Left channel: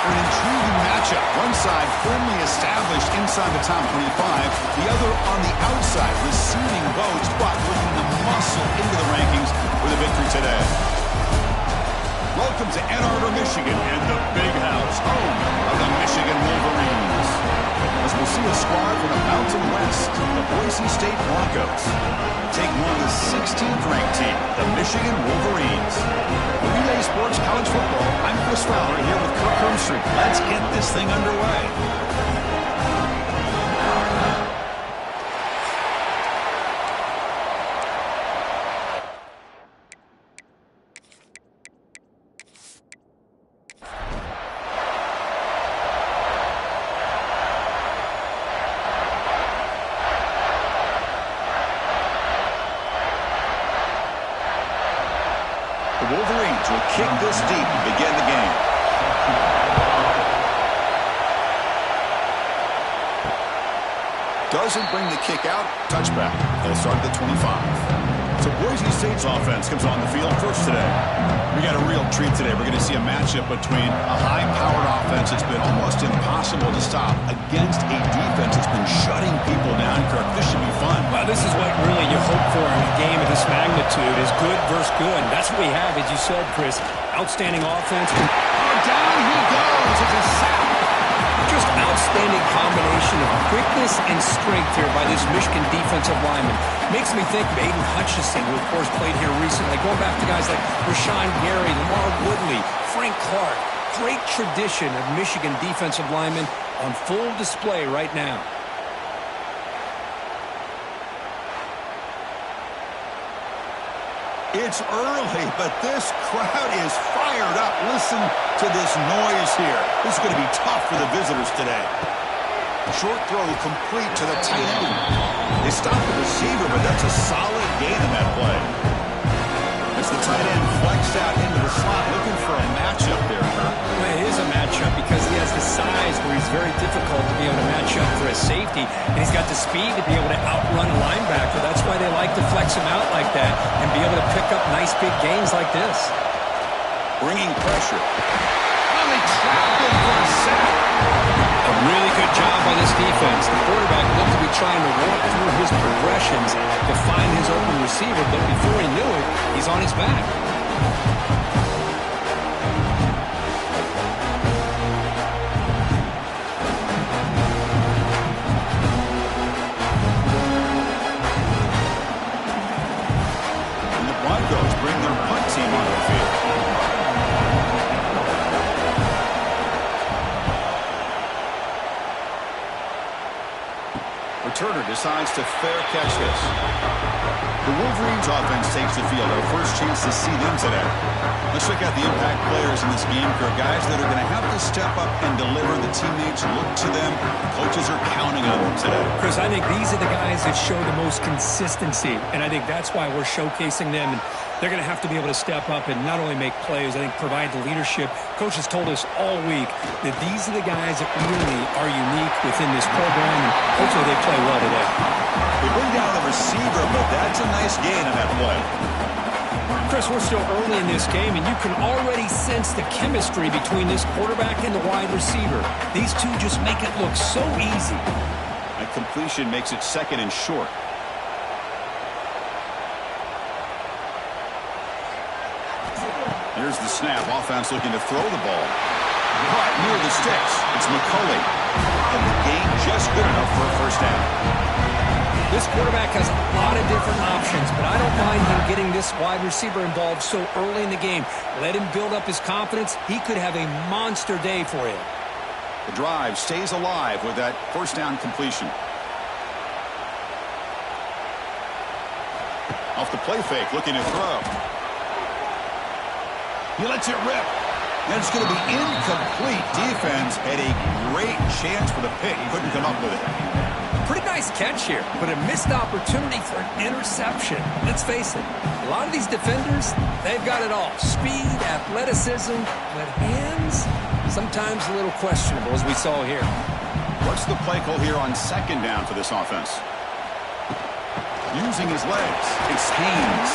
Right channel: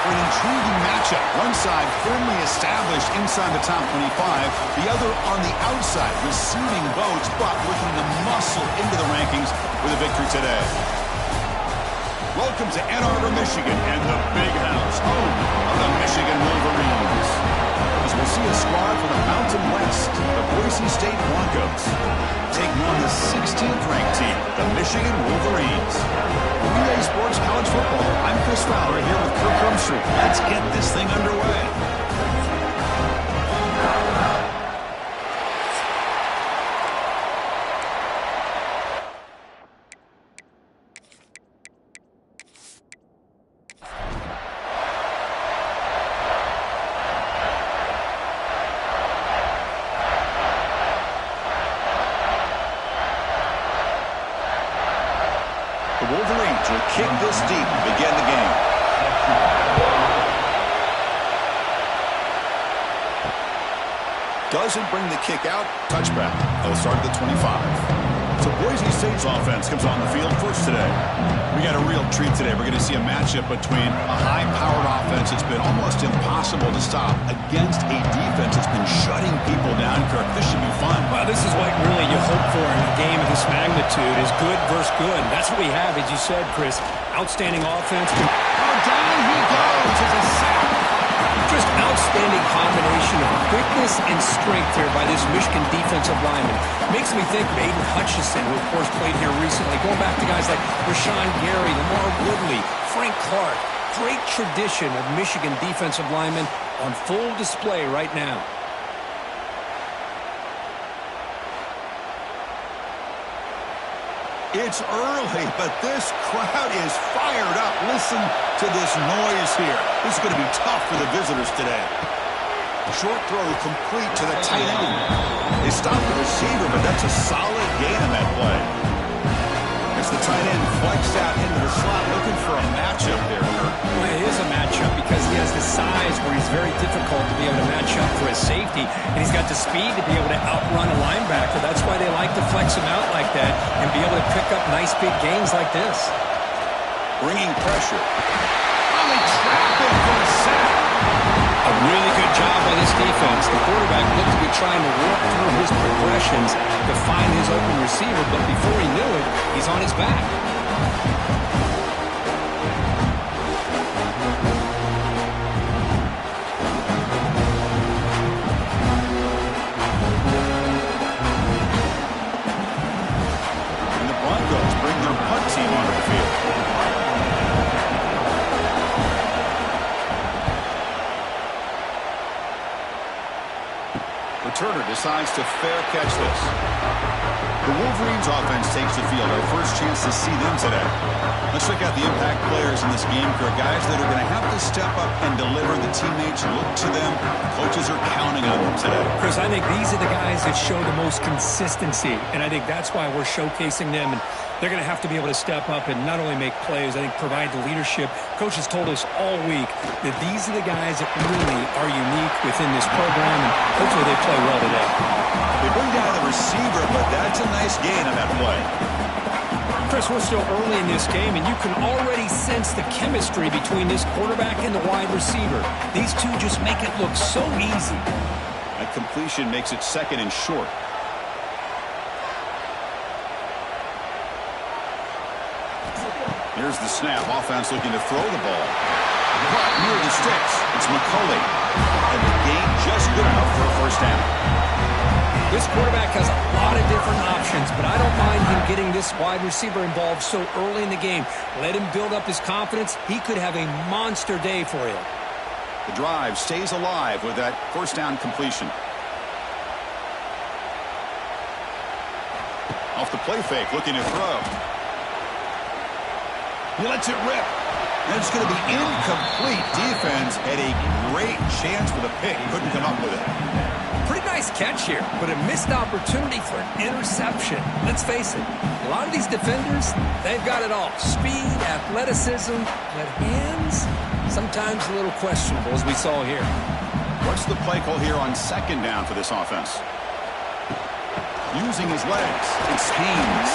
for an intriguing matchup. One side firmly established inside the top 25, the other on the outside, receiving votes, but looking to muscle into the rankings with a victory today. Welcome to Ann Arbor, Michigan, and the Big House, home of the Michigan Wolverines. As we'll see a squad from the Mountain West, the Boise State Broncos, taking on the 16th ranked team, the Michigan Wolverines. Relay Sports College Football, I'm Chris Fowler here with Kirk Hermstreet. Let's get this thing underway. The Wolverines will kick this deep to begin the game. Doesn't bring the kick out. Touchback. They'll start at the 25. So Boise State's offense comes on the field first today. We got a real treat today. We're going to see a matchup between a high-powered offense that's been almost impossible to stop against a defense that's been shutting people down. Kirk, this should be fun. Well, this is what really you hope for in a game of this magnitude is good versus good. That's what we have, as you said, Chris. Outstanding offense. Oh, down he goes. It's a sack. Just outstanding combination of quickness and strength here by this Michigan defensive lineman. Makes me think of Aiden Hutchinson, who, of course, played here recently. Going back to guys like Rashawn Gary, Lamar Woodley, Frank Clark. Great tradition of Michigan defensive linemen on full display right now. It's early, but this crowd is fired up. Listen to this noise here. This is going to be tough for the visitors today. Short throw complete to the tight end. They stopped the receiver, but that's a solid gain in that play. It's the tight end flexed out into the slot, looking for a matchup there, Kirk. Well, it is a matchup because he has the size where he's very difficult to be able to match up for his safety, and he's got the speed to be able to outrun a linebacker. That's why they like to flex him out like that and be able to pick up nice big gains like this. Bringing pressure. Oh, they trap him for a sack. A really good job by this defense. The quarterback looked to be trying to work through his progressions to find his open receiver, but before he knew it, he's on his back. And the Broncos bring their punt team onto the field. Returner decides to fair catch this. The Wolverines offense takes the field. Our first chance to see them today. Let's check out the impact players in this game, Kirk. Guys that are going to have to step up and deliver. The teammates look to them. Coaches are counting on them today. Chris, I think these are the guys that show the most consistency, and I think that's why we're showcasing them. And they're going to have to be able to step up and not only make plays, I think provide the leadership. Coaches told us all week that these are the guys that really are unique within this program, and hopefully they play well today. They bring down the receiver, but that's a nice gain on that play. Chris, we're still early in this game, and you can already sense the chemistry between this quarterback and the wide receiver. These two just make it look so easy. That completion makes it second and short. Here's the snap. Offense looking to throw the ball. But near the sticks, it's McCulley. And the gain just good enough for a first down. This quarterback has a lot of different options, but I don't mind him getting this wide receiver involved so early in the game. Let him build up his confidence. He could have a monster day for him. The drive stays alive with that first down completion. Off the play fake, looking to throw. He lets it rip. And it's going to be incomplete. Defense had a great chance for the pick. Couldn't come up with it. Pretty nice catch here, but a missed opportunity for an interception. Let's face it, a lot of these defenders, they've got it all. Speed, athleticism, but hands, sometimes a little questionable, as we saw here. What's the play call here on second down for this offense? Using his legs, it's Haynes.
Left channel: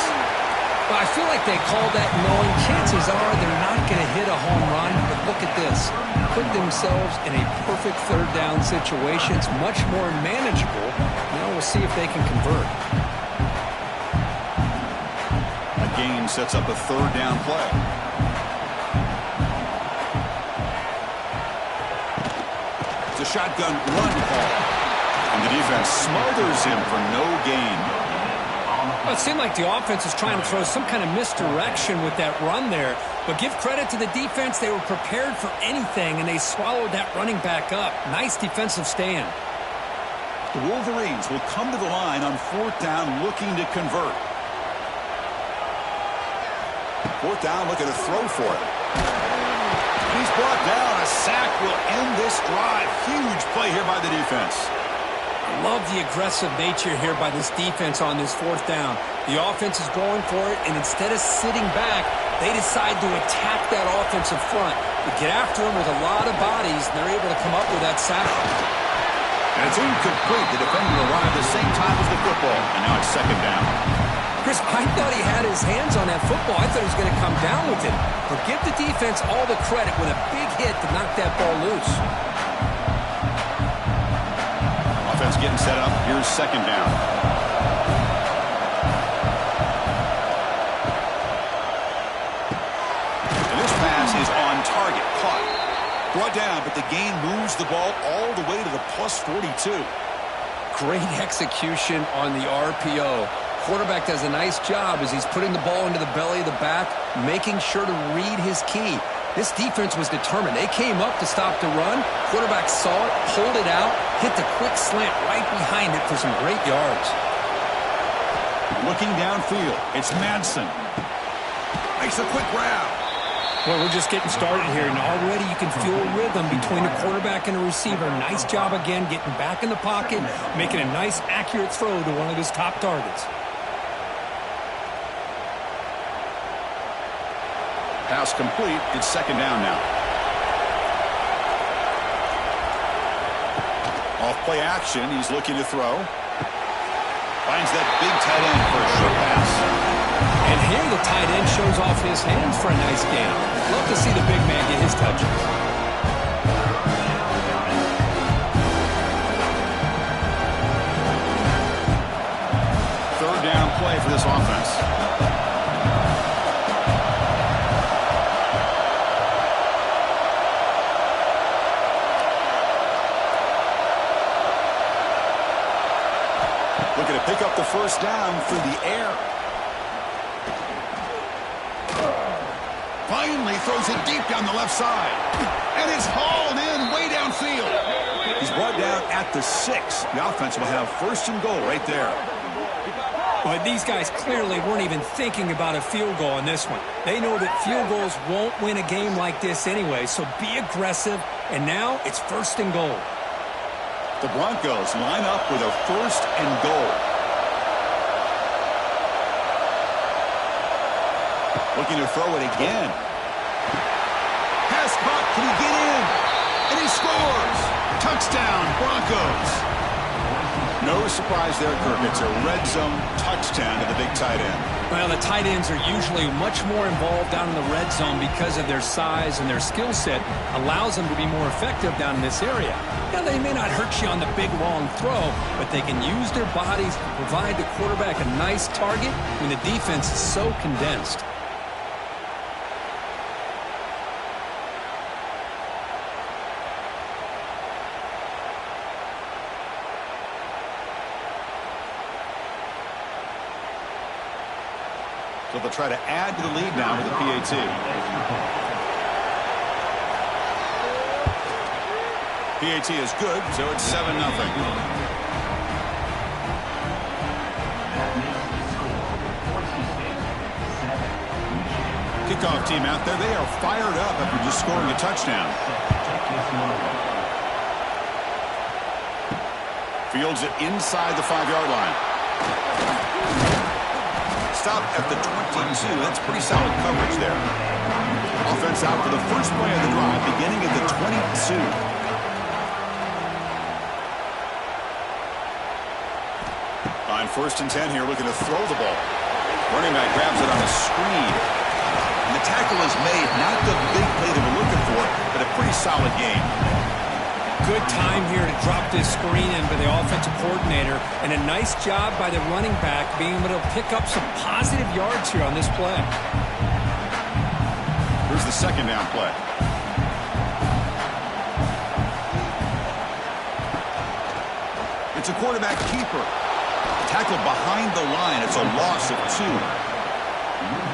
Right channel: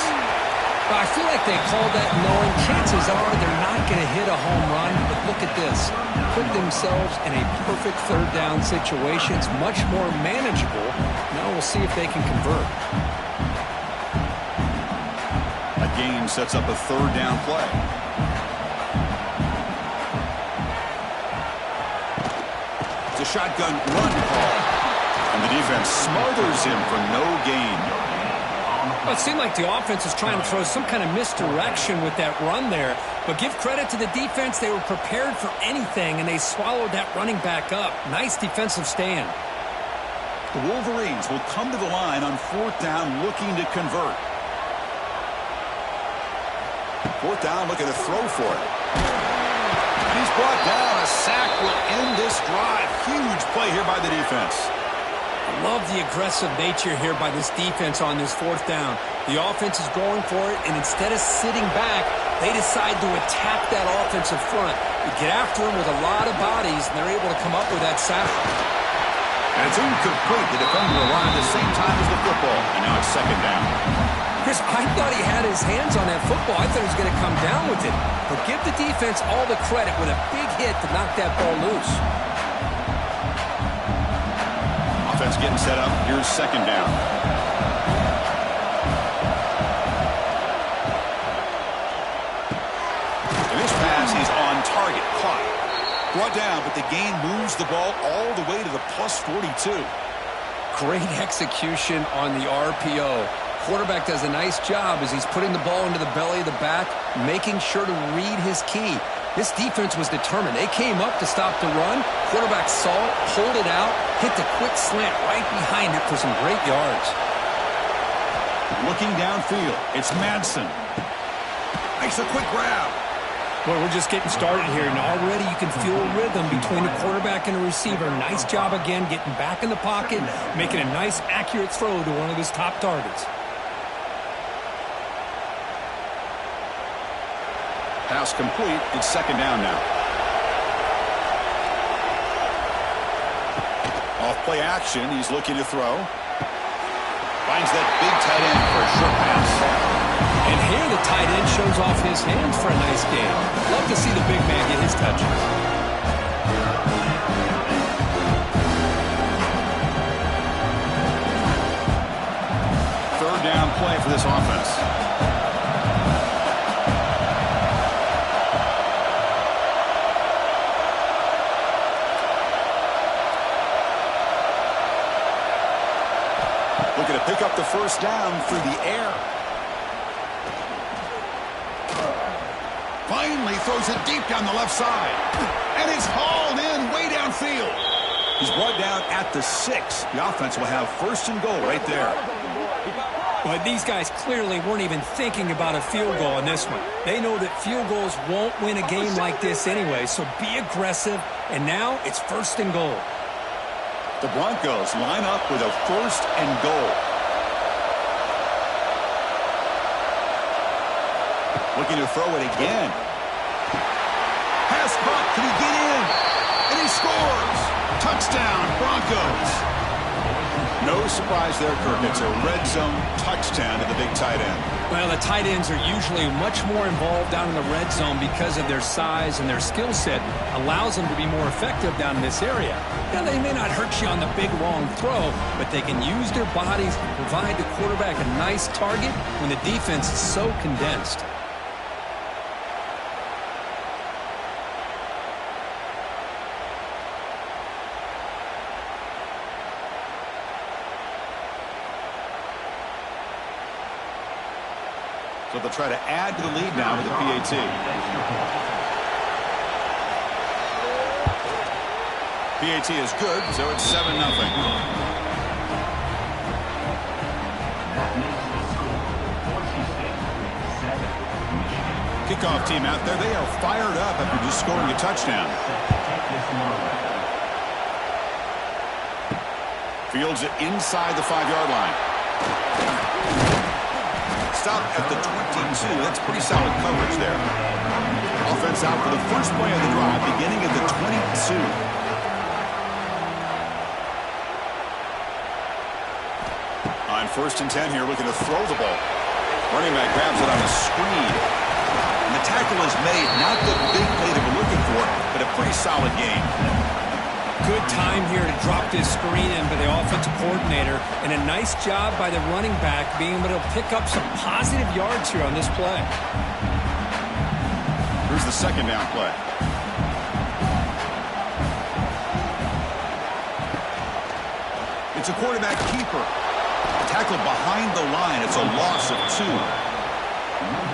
I feel like they call that knowing chances are they're not going to hit a home run, but look at this. Put themselves in a perfect third down situation. It's much more manageable. Now we'll see if they can convert. A gain sets up a third down play. It's a shotgun run call. And the defense smothers him for no gain. Well, it seemed like the offense was trying to throw some kind of misdirection with that run there. But give credit to the defense. They were prepared for anything, and they swallowed that running back up. Nice defensive stand. The Wolverines will come to the line on fourth down looking to convert. Fourth down, looking to throw for it. And he's brought down. A sack will end this drive. Huge play here by the defense. I love the aggressive nature here by this defense on this fourth down. The offense is going for it, and instead of sitting back, they decide to attack that offensive front. They get after them with a lot of bodies, and they're able to come up with that sack. And it's incomplete. The defender arrived the same time as the football, and now it's second down. Chris, I thought he had his hands on that football. I thought he was going to come down with it. But give the defense all the credit with a big hit to knock that ball loose. Offense getting set up. Here's second down. And this pass is on target. Caught. Brought down, but the gain moves the ball all the way to the plus 42. Great execution on the RPO. Quarterback does a nice job as he's putting the ball into the belly of the back, making sure to read his key. This defense was determined. They came up to stop the run. Quarterback saw it, pulled it out, hit the quick slant right behind it for some great yards. Looking downfield, it's Madsen. Makes a quick grab. Well, we're just getting started here, and already you can feel a rhythm between the quarterback and the receiver. Nice job again getting back in the pocket, making a nice, accurate throw to one of his top targets. Pass complete. It's second down now. Off play action. He's looking to throw. Finds that big tight end for a short pass. And here the tight end shows off his hands for a nice gain. Love to see the big man get his touches. Third down play for this offense. Looking to pick up the first down through the air. Finally throws it deep down the left side. And it's hauled in way downfield. He's brought down at the 6. The offense will have first and goal right there. But these guys clearly weren't even thinking about a field goal in this one. They know that field goals won't win a game like this anyway, so be aggressive. And now it's first and goal. The Broncos line up with a first and goal. Looking to throw it again. Pass caught. Can he get in? And he scores. Touchdown, Broncos. No surprise there, Kirk. It's a red zone touchdown to the big tight end. Well, the tight ends are usually much more involved down in the red zone because of their size, and their skill set allows them to be more effective down in this area. Now, they may not hurt you on the big, long throw, but they can use their bodies to provide the quarterback a nice target when the defense is so condensed. So they'll try to add to the lead now with the PAT. PAT is good, so it's 7-0. Kickoff team out there, they are fired up after just scoring a touchdown. Fields it inside the 5-yard line. Stopped at the 22. That's pretty solid coverage there. Offense out for the first play of the drive, beginning at the 22. On first and 10 here, looking to throw the ball. Running back grabs it on a screen. And the tackle is made. Not the big play they were looking for, but a pretty solid game. Good time here to drop this screen in by the offensive coordinator, and a nice job by the running back being able to pick up some positive yards here on this play. Here's the second down play. It's a quarterback keeper. Tackle behind the line. It's a loss of 2.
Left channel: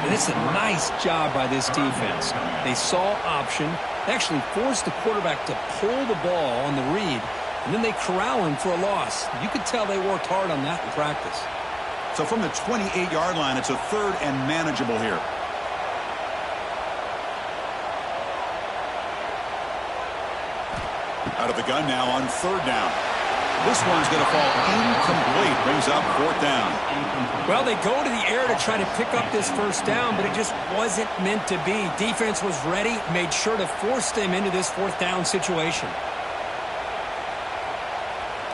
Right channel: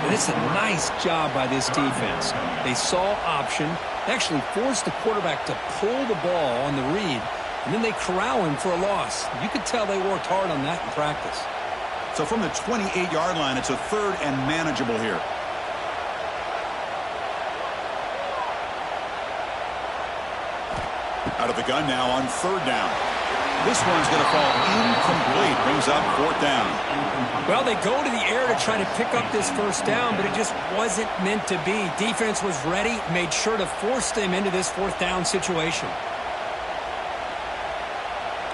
And it's a nice job by this defense. They saw option. They actually forced the quarterback to pull the ball on the read, and then they corral him for a loss. You could tell they worked hard on that in practice. So from the 28-yard line, it's a 3rd and manageable here. Out of the gun now on 3rd down. This one's going to fall incomplete. Brings up 4th down. Well, they go to the air to try to pick up this 1st down, but it just wasn't meant to be. Defense was ready, made sure to force them into this 4th down situation.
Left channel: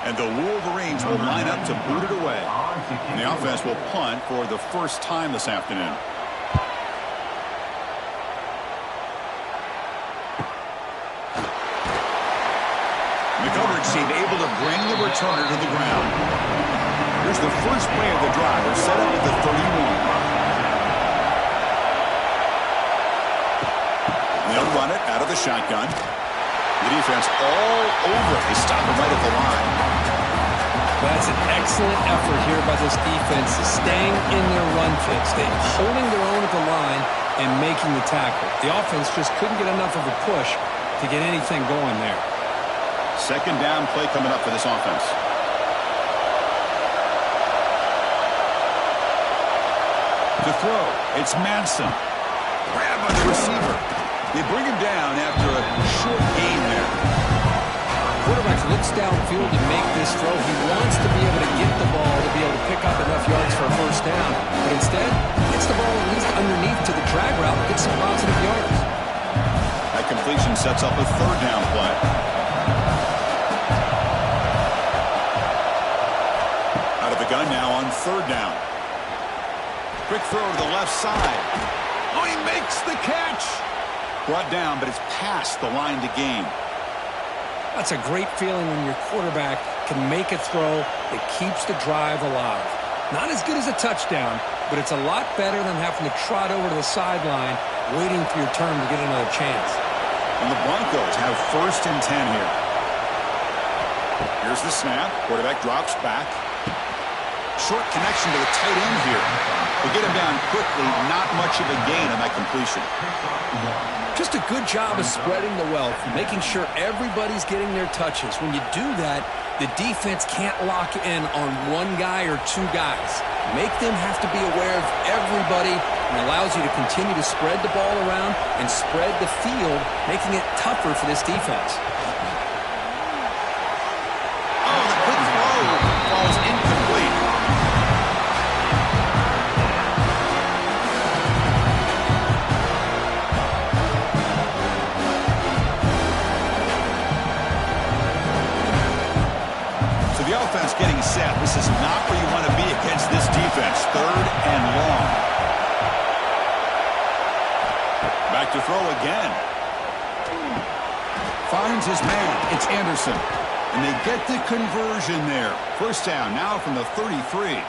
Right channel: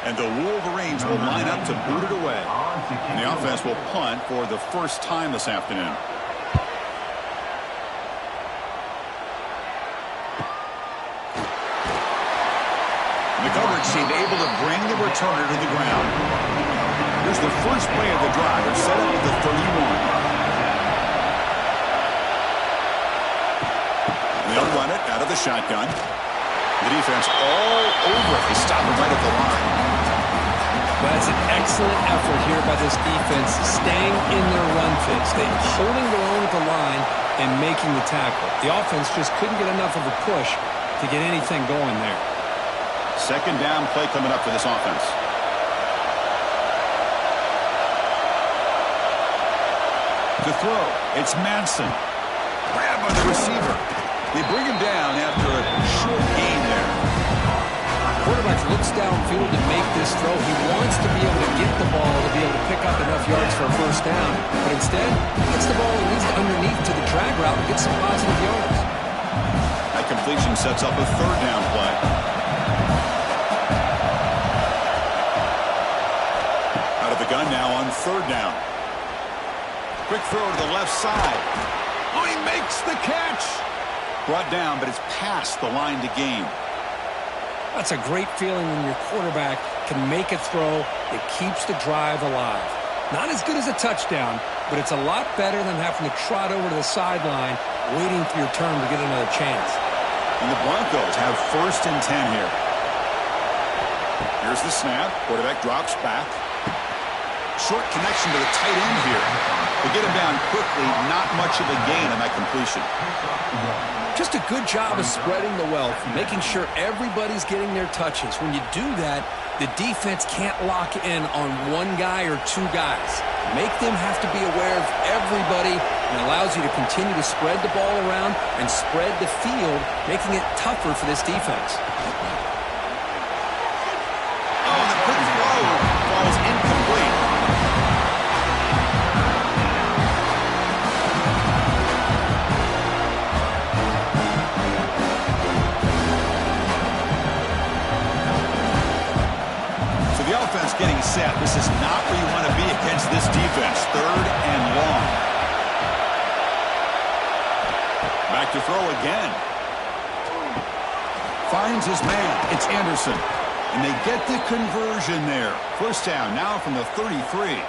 And the Wolverines will line up to boot it away. And the offense will punt for the first time this afternoon. The coverage team able to bring the returner to the ground. Here's the first play of the drive. They're set up at the 31. They'll run it out of the shotgun. The defense all over it. They stop it right at the line. That's an excellent effort here by this defense, staying in their run fits. They holding their own at the line and making the tackle. The offense just couldn't get enough of a push to get anything going there. Second down play coming up for this offense. To throw, it's Manson. Grab by the receiver. They bring him down after a short gain there. Quarterback looks downfield to make this throw. He wants to be able to get the ball to be able to pick up enough yards for a 1st down. But instead, he gets the ball at least underneath to the drag route and gets some positive yards. That completion sets up a 3rd down play. Out of the gun now on 3rd down. Quick throw to the left side. Oh, he makes the catch. Brought down, but it's past the line to gain. That's a great feeling when your quarterback can make a throw that keeps the drive alive. Not as good as a touchdown, but it's a lot better than having to trot over to the sideline waiting for your turn to get another chance. And the Broncos have 1st and 10 here. Here's the snap. Quarterback drops back. Short connection to the tight end here. They get him down quickly. Not much of a gain on that completion. Just a good job of spreading the wealth, making sure everybody's getting their touches. When you do that, the defense can't lock in on one guy or 2 guys. Make them have to be aware of everybody, and allows you to continue to spread the ball around and spread the field, making it tougher for this defense. Oh, the quick throw falls incomplete. The offense getting set. This is not where you want to be against this defense. 3rd and long. Back to throw again. Finds his man. It's Anderson. And they get the conversion there. 1st down now from the 33.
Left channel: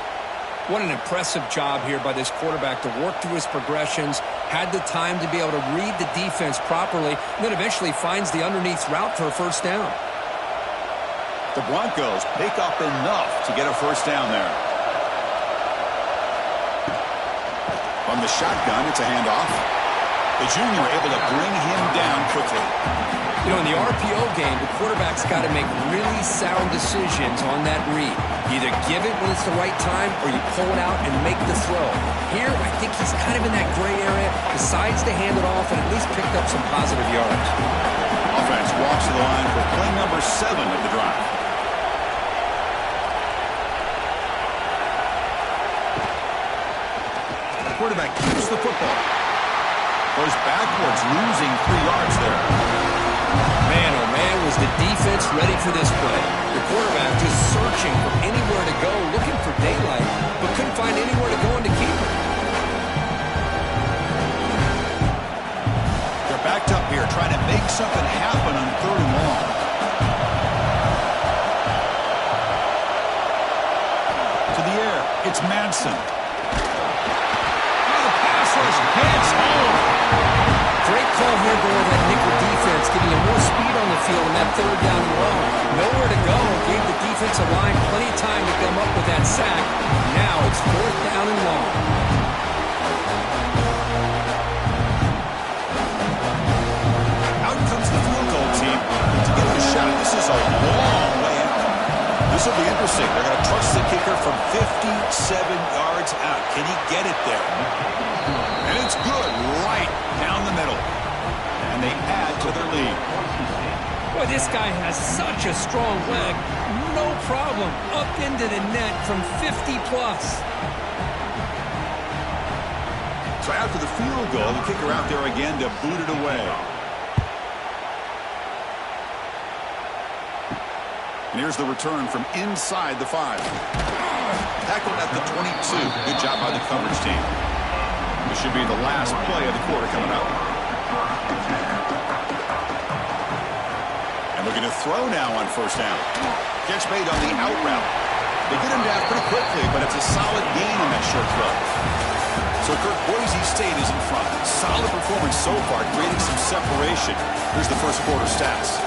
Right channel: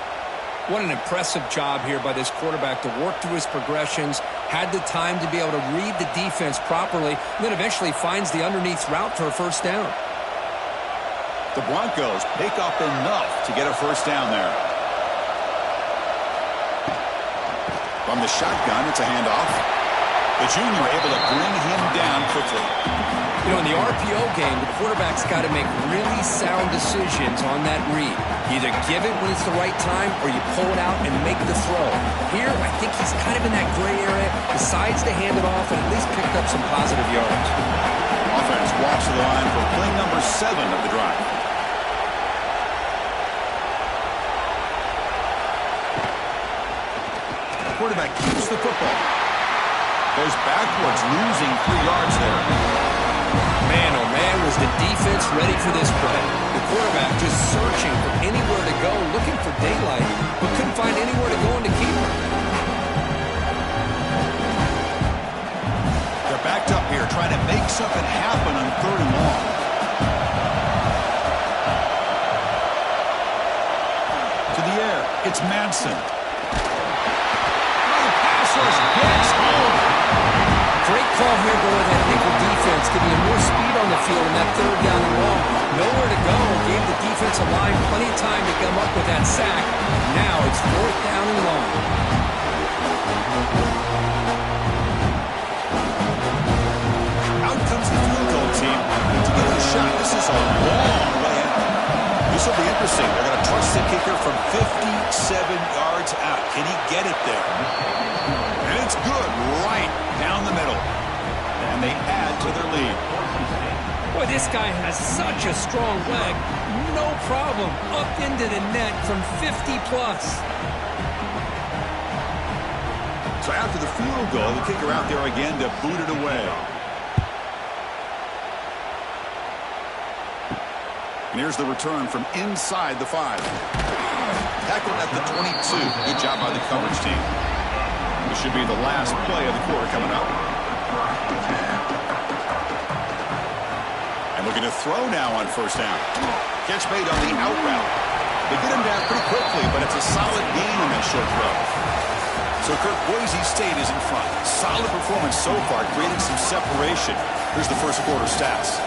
What an impressive job here by this quarterback to work through his progressions, had the time to be able to read the defense properly, and then eventually finds the underneath route for a 1st down. The Broncos pick up enough to get a 1st down there. From the shotgun, it's a handoff. The junior able to bring him down quickly. You know, in the RPO game, the quarterback's got to make really sound decisions on that read. You either give it when it's the right time or you pull it out and make the throw. Here, I think he's kind of in that gray area, decides to hand it off and at least picked up some positive yards. Offense walks to the line for play number 7 of the drive. Quarterback keeps the football. Goes backwards, losing 3 yards there. Man, oh man, was the defense ready for this play. The quarterback just searching for anywhere to go, looking for daylight, but couldn't find anywhere to go in the keeper. Backed up here, trying to make something happen on 3rd and long. To the air, it's Madsen. Oh, the pass rush gets home. Great call here, though, with that nickel defense, giving you more speed on the field in that 3rd down and long. Nowhere to go. Gave the defensive line plenty of time to come up with that sack. Now it's 4th down and long. Out comes the field goal team. And to get a shot, this is a long way out. This will be interesting. They're going to trust the kicker from 57 yards out. Can he get it there? And it's good right down the middle. And they add to their lead. Boy, this guy has such a strong leg. No problem. Up into the net from 50-plus. So after the field goal, the kicker out there again to boot it away. And here's the return from inside the 5. Tackled at the 22. Good job by the coverage team. This should be the last play of the quarter coming up. And looking to throw now on 1st down. Catch made on the out route. They get him down pretty quickly, but it's a solid gain on that short throw. So Kirk, Boise State is in front. Solid performance so far, creating some separation. Here's the first quarter stats.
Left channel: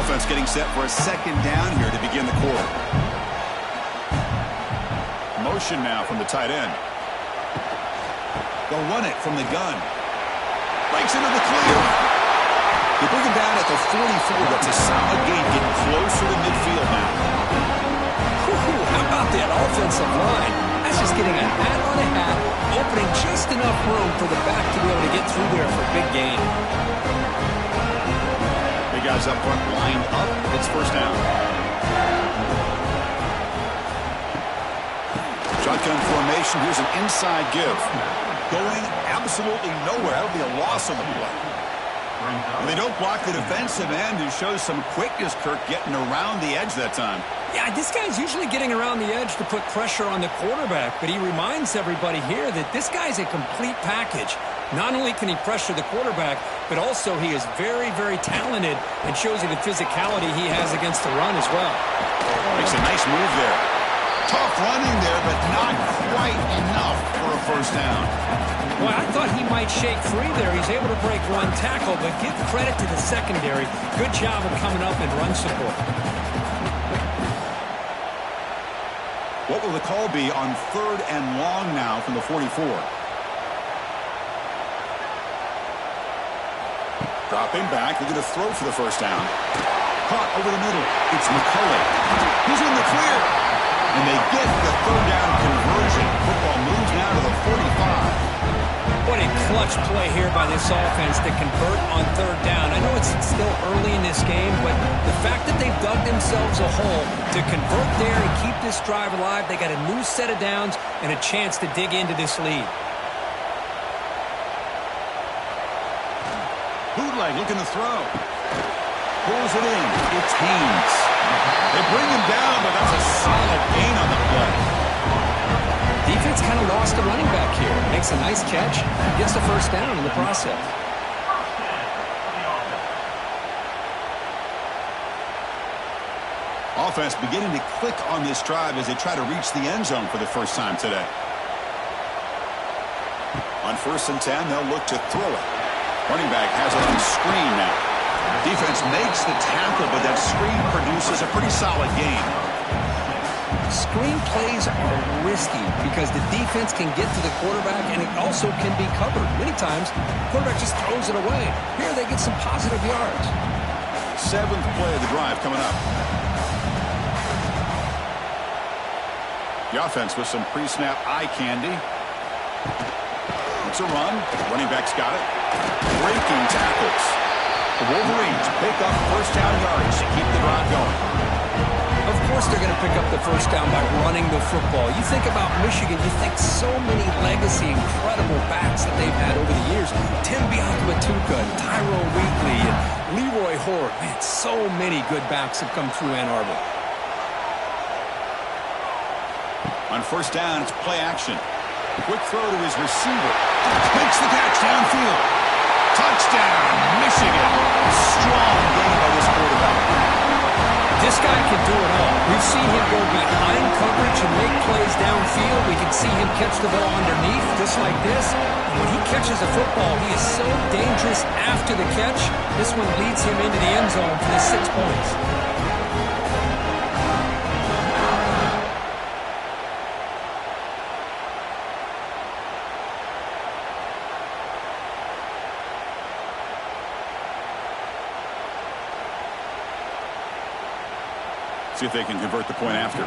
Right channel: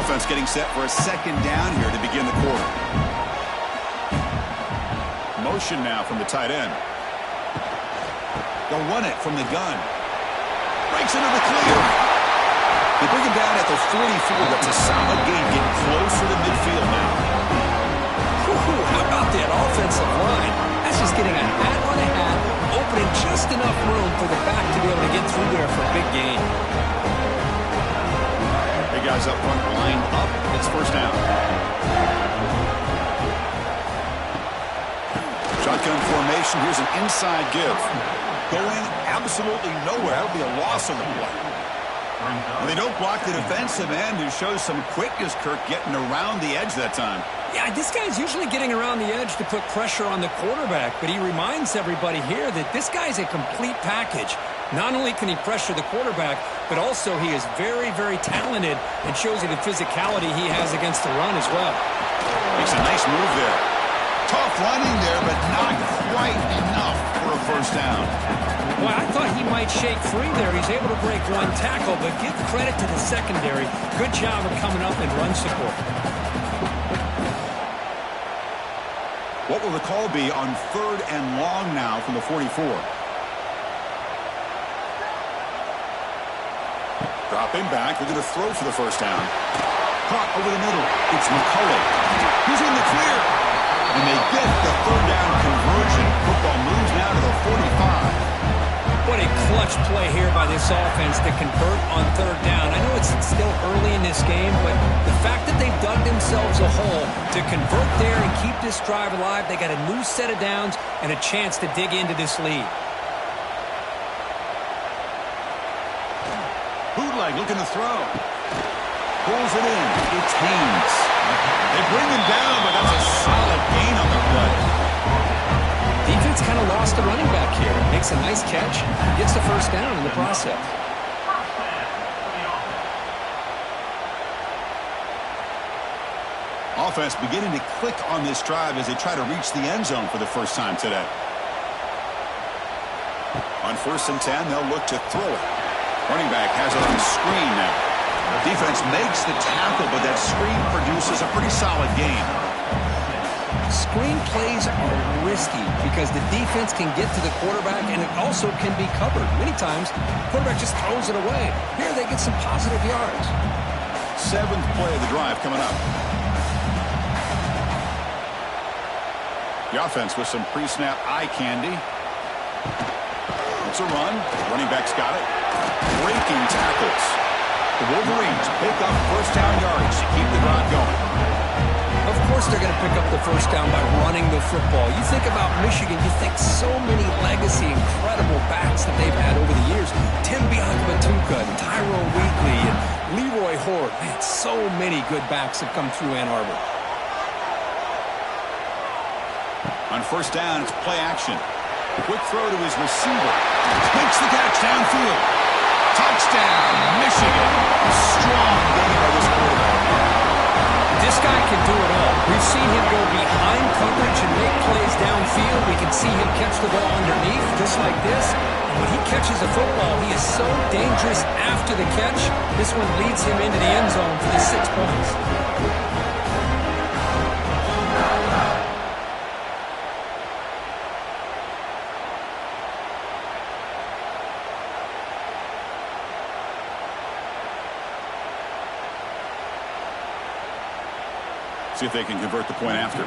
Offense getting set for a 2nd down here to begin the quarter. Motion now from the tight end. They'll run it from the gun. Breaks into the clear. They bring him down at the 44. That's a solid gain, getting closer to midfield now. How about that offensive line? That's just getting a hat on a hat, opening just enough room for the back to be able to get through there for a big gain. Big guys up front lined up. It's 1st down. Shotgun formation. Here's an inside give. Going absolutely nowhere. That'll be a loss on the play. And they don't block the defensive end, who shows some quickness, Kirk, getting around the edge that time. Yeah, this guy's usually getting around the edge to put pressure on the quarterback, but he reminds everybody here that this guy's a complete package. Not only can he pressure the quarterback, but also he is very, very talented and shows you the physicality he has against the run as well. Makes a nice move there. Tough running there, but not quite enough for a 1st down. Well, I thought he might shake free there. He's able to break 1 tackle, but give credit to the secondary. Good job of coming up and run support. What will the call be on 3rd and long now from the 44? Dropping back. They're going to throw for the 1st down. Caught over the middle. It's McCulley. He's in the clear. And they get the 3rd down conversion. Football moves now to the 45. What a clutch play here by this offense to convert on 3rd down. I know it's still early in this game, but the fact that they've dug themselves a hole to convert there and keep this drive alive, they got a new set of downs and a chance to dig into this lead. Bootleg looking to throw. Pulls it in. It's Haynes. They bring him down, but that's a solid gain on the play. Defense kind of lost the running back here. Makes a nice catch. Gets the 1st down in the process. Offense beginning to click on this drive as they try to reach the end zone for the 1st time today. On 1st and 10, they'll look to throw it. Running back has it on screen now. Defense makes the tackle, but that screen produces a pretty solid gain. Screen plays are risky because the defense can get to the quarterback, and it also can be covered. Many times, the quarterback just throws it away. Here, they get some positive yards. 7th play of the drive coming up. The offense with some pre-snap eye candy. It's a run. Running back's got it. Breaking tackles. The Wolverines pick up 1st down yards to keep the drive going. Of course they're going to pick up the 1st down by running the football. You think about Michigan, you think so many legacy, incredible backs that they've had over the years. Tim Biakabatuka and Tyrone Wheatley and Leroy Horde. Man, so many good backs have come through Ann Arbor. On first down, it's play action. Quick throw to his receiver. Makes the catch downfield. Touchdown, Michigan. A strong game by this quarterback. This guy can do it all. We've seen him go behind coverage and make plays downfield. We can see him catch the ball underneath, just like this. And when he catches a football, he is so dangerous after the catch. This one leads him into the end zone for the 6 points. See if they can convert the point after.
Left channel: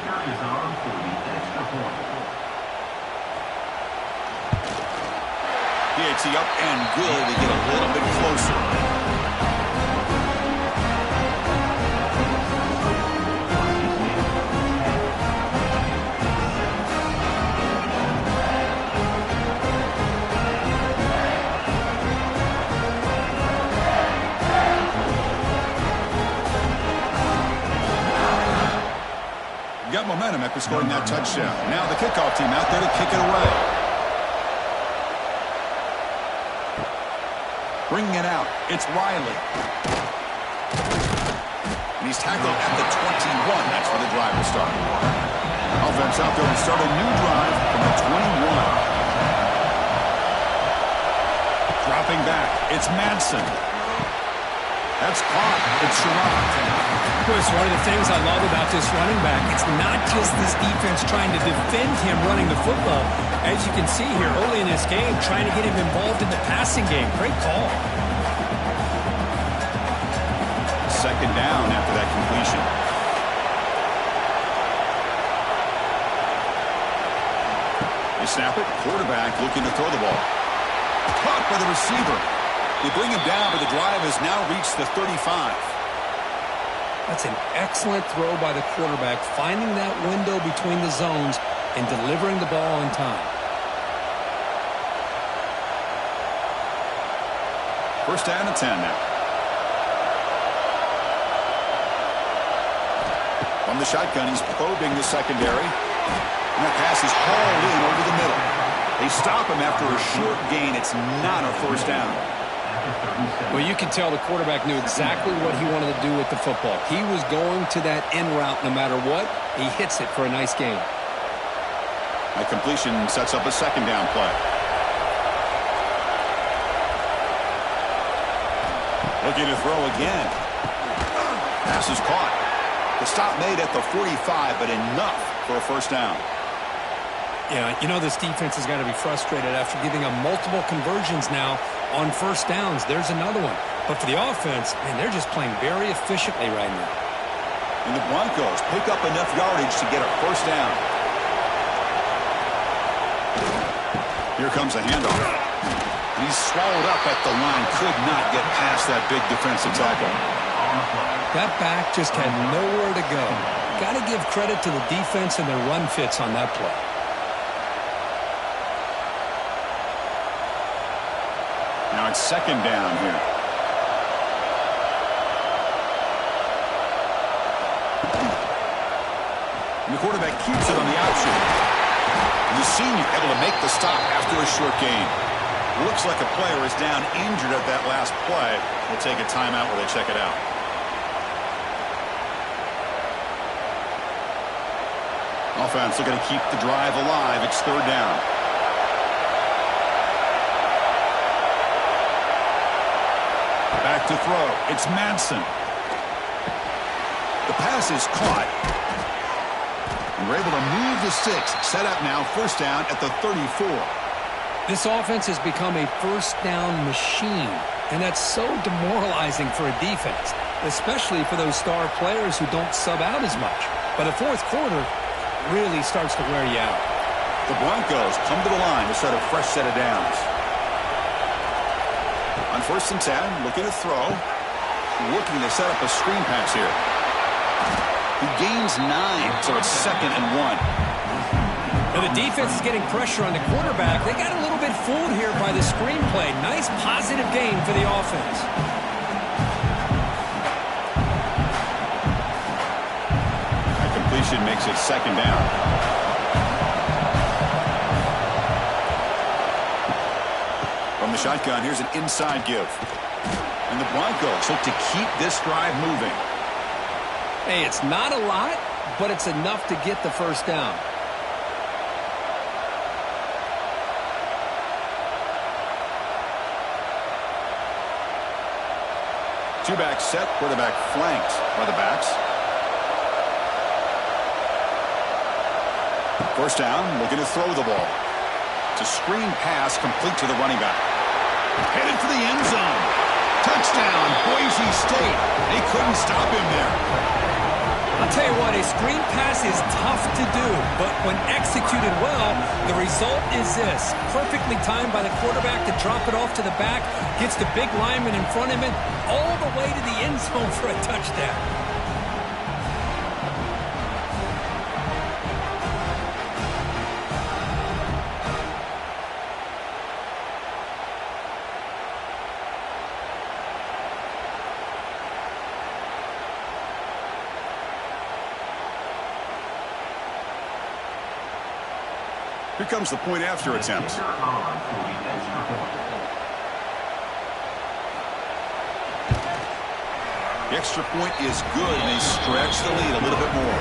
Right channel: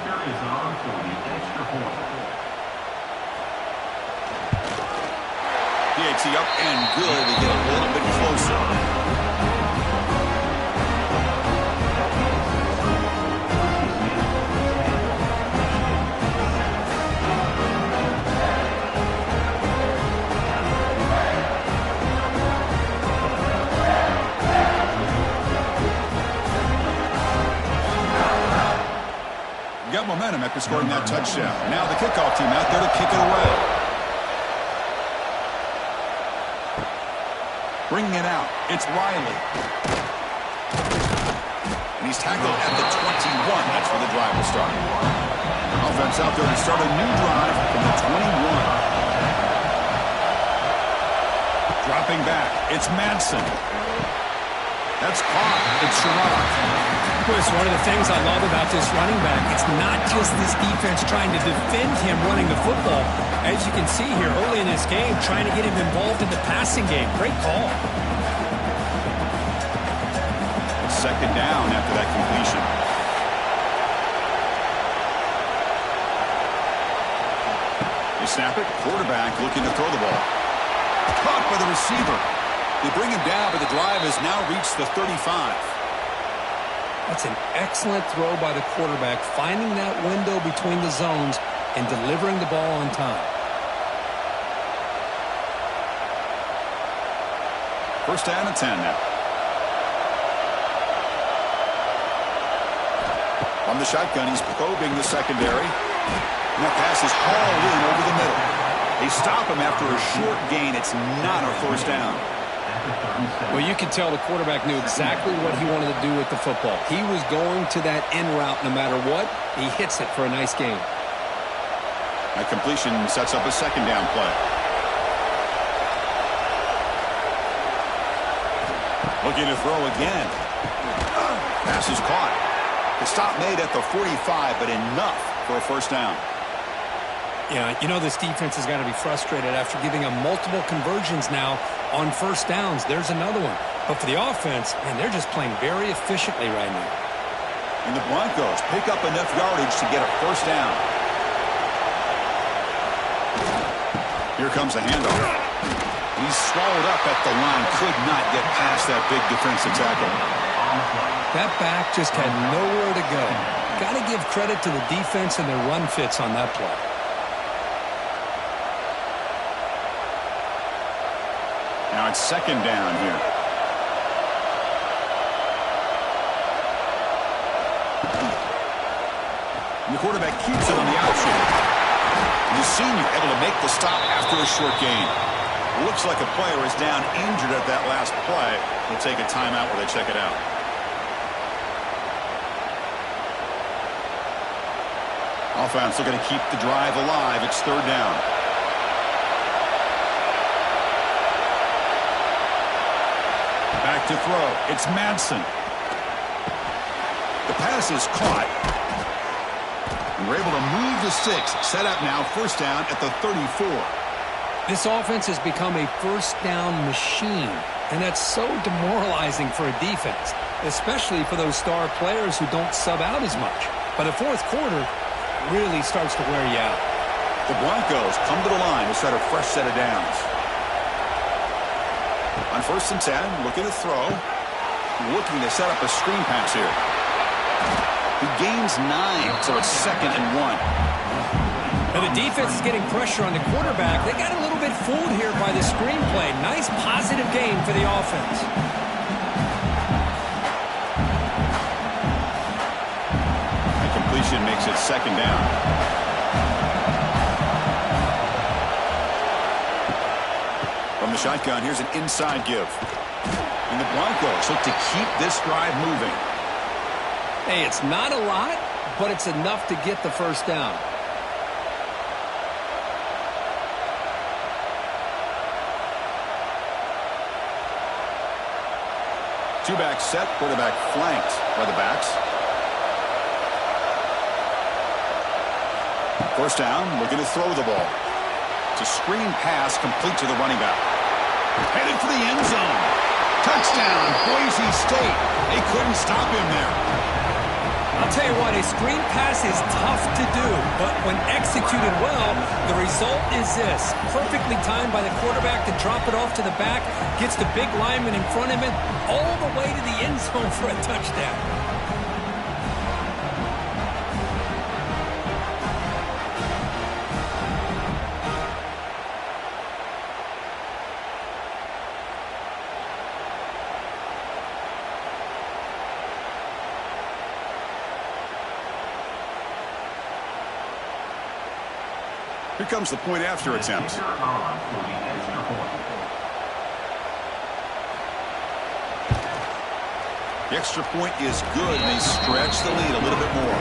PAT up and good. They get a little bit closer. Got momentum after scoring that touchdown. Now the kickoff team out there to kick it away. Bringing it out, it's Riley. And he's tackled at the 21. That's where the drive will start. Offense out there to start a new drive from the 21. Dropping back, it's Madsen. That's caught. It's Sherrod. It's one of the things I love about this running back. It's not just this defense trying to defend him running the football. As you can see here early in this game, trying to get him involved in the passing game. Great call. Second down after that completion. They snap it. Quarterback looking to throw the ball. Caught by the receiver. They bring him down, but the drive has now reached the 35. That's an excellent throw by the quarterback, finding that window between the zones and delivering the ball on time. First down and 10 now. From the shotgun, he's probing the secondary. And that pass is hauled in over the middle. They stop him after a short gain. It's not a first down. Well, you can tell the quarterback knew exactly what he wanted to do with the football. He was going to that end route no matter what. He hits it for a nice gain. That completion sets up a second down play. Looking to throw again. Pass is caught. The stop made at the 45, but enough for a first down. Yeah, you know this defense has got to be frustrated after giving them multiple conversions now on first downs. There's another one. But for the offense, man, they're just playing very efficiently right now. And the Broncos pick up enough yardage to get a first down. Here comes a handoff. He's swallowed up at the line. Could not get past that big defensive tackle. That back just had nowhere to go. Got to give credit to the defense and their run fits on that play. Now it's second down here. And the quarterback keeps it on the option. And the senior able to make the stop after a short gain. Looks like a player is down injured at that last play. We'll take a timeout where they check it out. Offense looking to keep the drive alive. It's third down. Back to throw. It's Madsen. The pass is caught. And we're able to move the sticks. Set up now, first down at the 34. This offense has become a first down machine. And that's so demoralizing for a defense, especially for those star players who don't sub out as much. By the fourth quarter, really starts to wear you out. The Broncos come to the line to start a fresh set of downs. On first and 10, looking to throw. Looking to set up a screen pass here. He gains 9, so it's second and 1. Now the defense is getting pressure on the quarterback. They got a little bit fooled here by the screenplay. Nice positive gain for the offense. That completion makes it second down. the shotgun, here's an inside give. And the Broncos look to keep this drive moving. Hey, it's not a lot, but it's enough to get the first down. Two-back set, quarterback flanked by the backs. First down, looking to throw the ball. It's a screen pass complete to the running back. Headed for the end zone. Touchdown, Boise State. They couldn't stop him there. I'll tell you what, a screen pass is tough to do, but when executed well, the result is this. Perfectly timed by the quarterback to drop it off to the back, gets the big lineman in front of him, all the way to the end zone for a touchdown. Here comes the point after attempt. The extra point is good, and they stretch the lead a little bit more.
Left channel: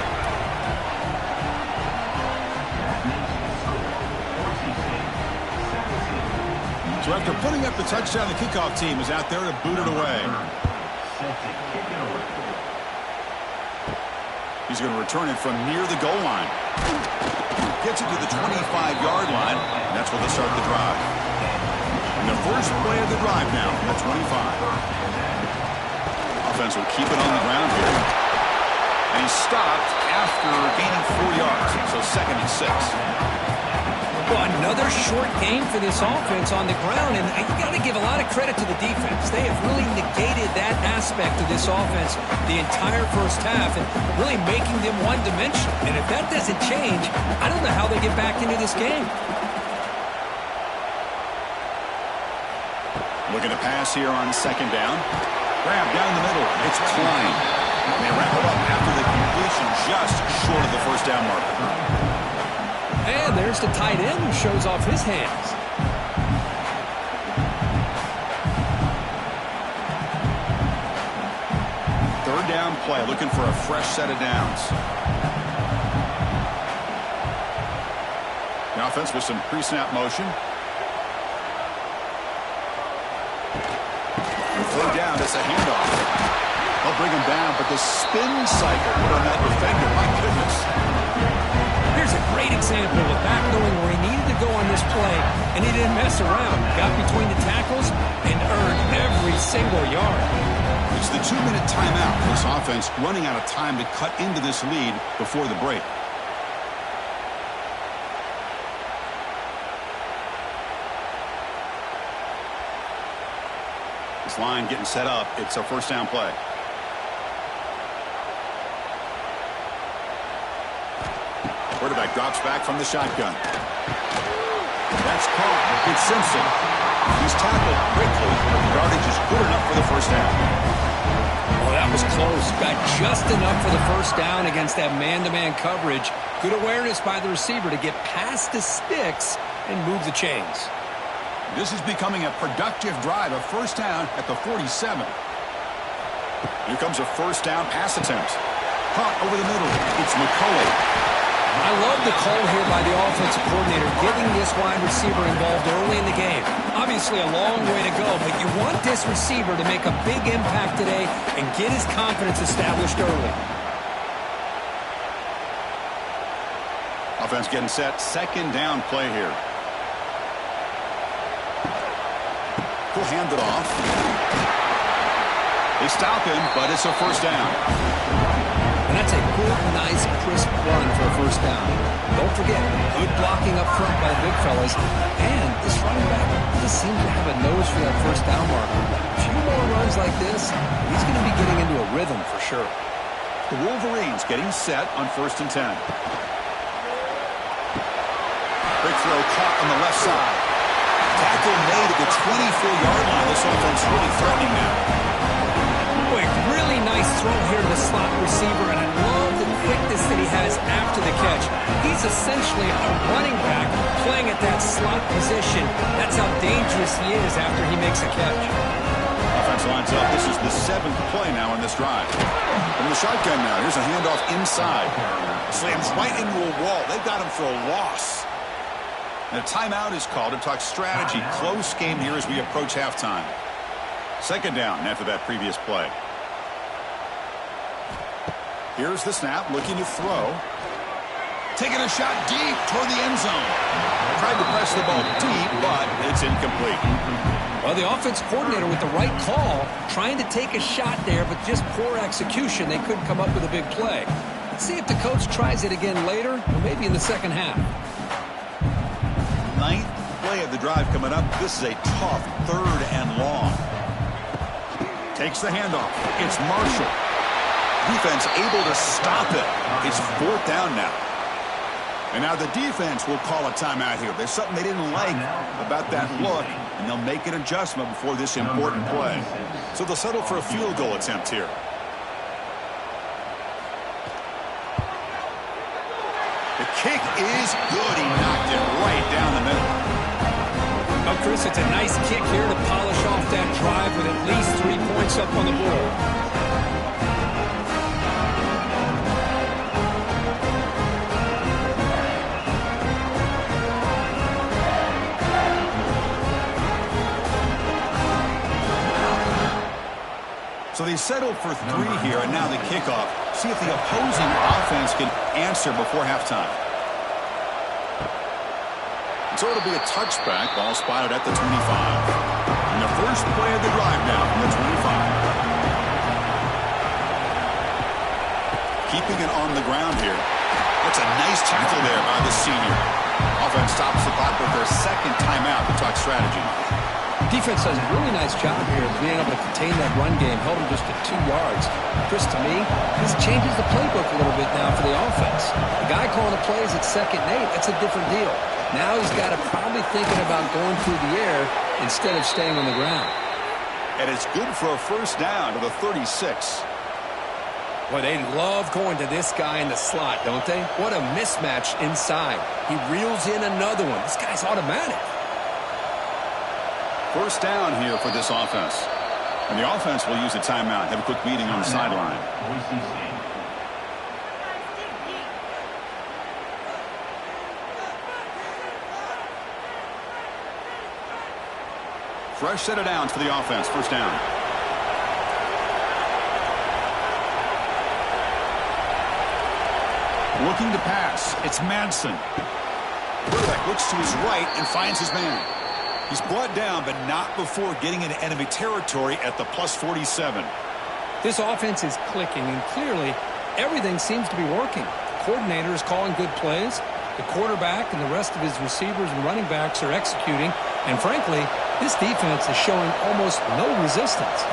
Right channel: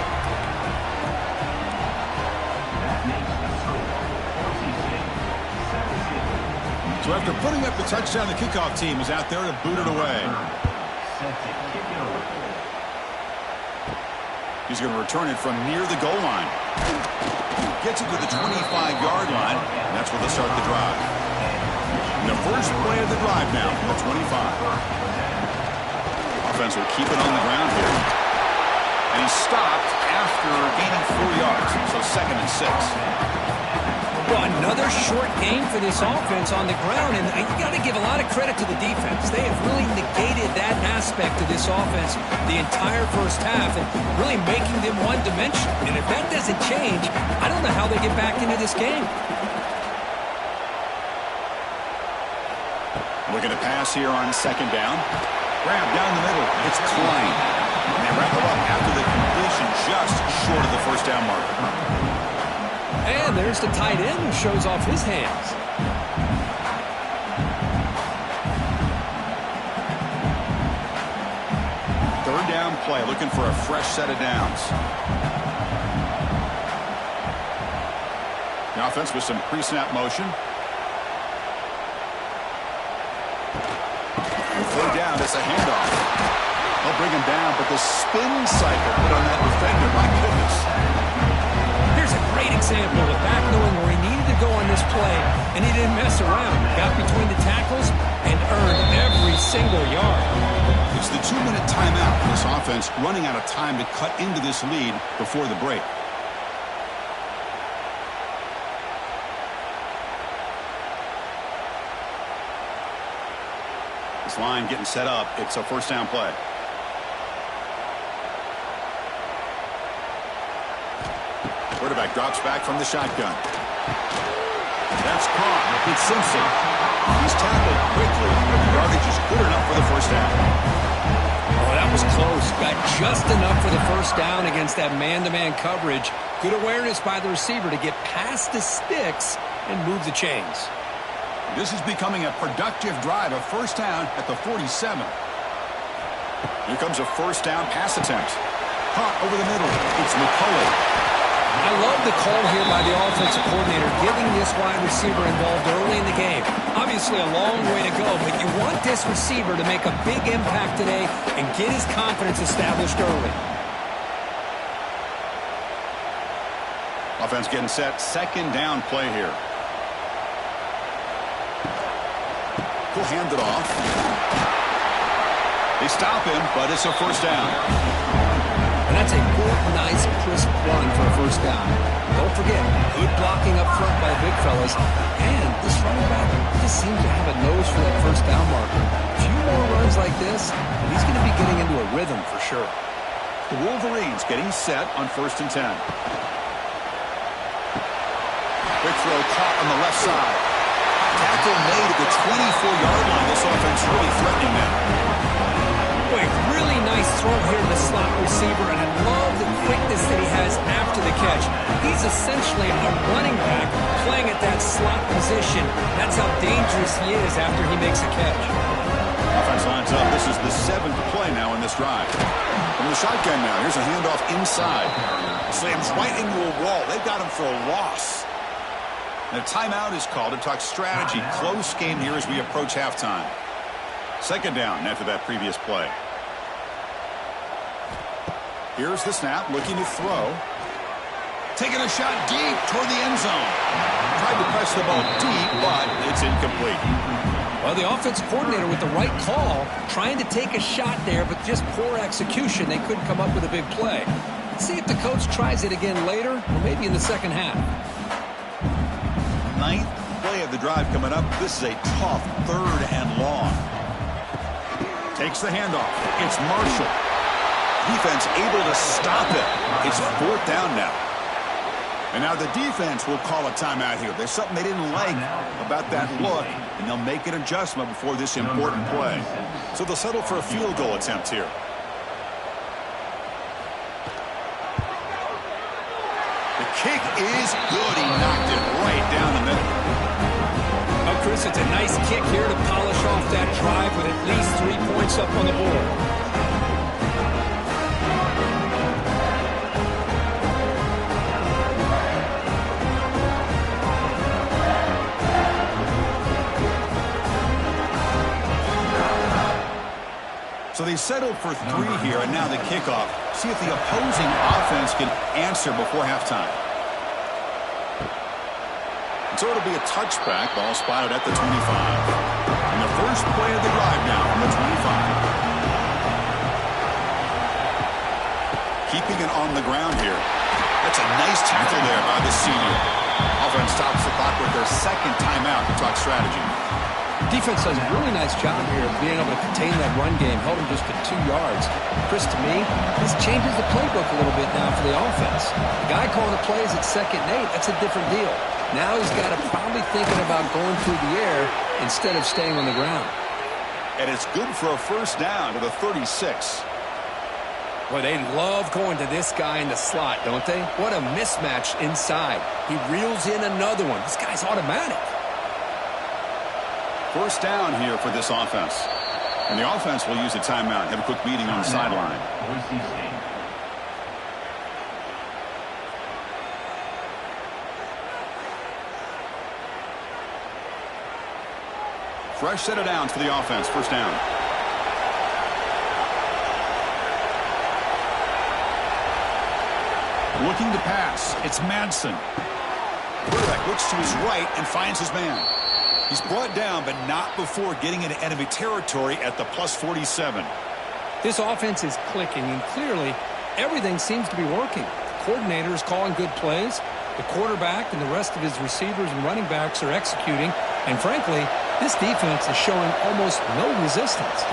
So after putting up the touchdown, the kickoff team is out there to boot it away. He's going to return it from near the goal line. Gets it to the 25-yard line, and that's where they'll start the drive. And the first play of the drive now, the 25. Offense will keep it on the ground here. And he stopped after gaining 4 yards, so 2nd and 6. Well, another short game for this offense on the ground, and you got to give a lot of credit to the defense. They have really negated that aspect of this offense the entire first half and really making them one-dimensional. And if that doesn't change, I don't know how they get back into this game. Looking to pass here on 2nd down. Grab down the middle. It's Klein. And they wrap it up after the completion just short of the first down marker. And there's the tight end who shows off his hands. Third down play, looking for a fresh set of downs. The offense with some pre-snap motion. Third down, it's a handoff. They'll bring him down, but the spin cycle put on that defender, my goodness. Here's a great example of back knowing where he needed to go on this play, and he didn't mess around. Got between the tackles and earned every single yard. It's the 2-minute timeout. This offense running out of time to cut into this lead before the break. This line getting set up. It's a first down play. Quarterback drops back from the shotgun. That's caught. It's Simpson. He's tackled quickly, but the yardage is good enough for the first down. Oh, that was close. Got just enough for the first down against that man-to-man coverage. Good awareness by the receiver to get past the sticks and move the chains. This is becoming a productive drive. A first down at the 47. Here comes a first down pass attempt. Caught over the middle. It's McCulley. I love the call here by the offensive coordinator, getting this wide receiver involved early in the game. Obviously a long way to go, but you want this receiver to make a big impact today and get his confidence established early. Offense getting set. 2nd down play here. He'll hand it off. They stop him, but it's a first down. And that's a good, nice, crisp run for a first down. Don't forget, good blocking up front by the big fellas. And this running back just seems to have a nose for that first down marker. A few more runs like this, and he's going to be getting into a rhythm for sure. The Wolverines getting set on 1st and 10. Quick throw caught on the left side. Tackle made at the 24-yard line. This offense really threatening now. Boy, really nice throw here to the slot receiver, and I love the quickness that he has after the catch. He's essentially a running back playing at that slot position. That's how dangerous he is after he makes a catch. Offense lines up. This is the 7th play now in this drive. From the shotgun now, here's a handoff inside. Slams right into a wall. They've got him for a loss. And a timeout is called to talk strategy. Close game here as we approach halftime. 2nd down after that previous play. Here's the snap, looking to throw. Taking a shot deep toward the end zone. Tried to press the ball deep, but it's incomplete. Well, the offense coordinator with the right call, trying to take a shot there, but just poor execution. They couldn't come up with a big play. Let's see if the coach tries it again later, or maybe in the second half. 9th play of the drive coming up. This is a tough 3rd and long. Takes the handoff. It's Marshall. Defense able to stop it. It's 4th down now. And now the defense will call a timeout here. There's something they didn't like about that look, and they'll make an adjustment before this important play. So they'll settle for a field goal attempt here. The kick is good. He knocked it right down the middle. Oh, Chris, it's a nice kick here to polish off that drive with at least 3 points up on the board. So they settled for 3 here, and now the kickoff. See if the opposing offense can answer before halftime. And so it'll be a touchback. Ball spotted at the 25. And the first play of the drive now from the 25. Keeping it on the ground here. That's a nice tackle there by the senior. Offense stops the clock with their 2nd timeout to talk strategy. Defense does a really nice job here of being able to contain that run game. Held him just to 2 yards. Chris, to me, this changes the playbook a little bit now for the offense. The guy calling the plays at 2nd and 8, that's a different deal. Now he's got to probably thinking about going through the air instead of staying on the ground. And it's good for a 1st down to the 36. Boy, they love going to this guy in the slot, don't they? What a mismatch inside. He reels in another one. This guy's automatic. 1st down here for this offense. And the offense will use a timeout. Have a quick meeting on the sideline. Fresh set of downs for the offense. 1st down. Looking to pass. It's Madsen. Quarterback looks to his right and finds his man. He's brought down, but not before getting into enemy territory at the +47. This offense is clicking, and clearly everything seems to be working. The coordinator is calling good plays. The quarterback and the rest of his receivers and running backs are executing. And frankly, this defense is showing almost no resistance.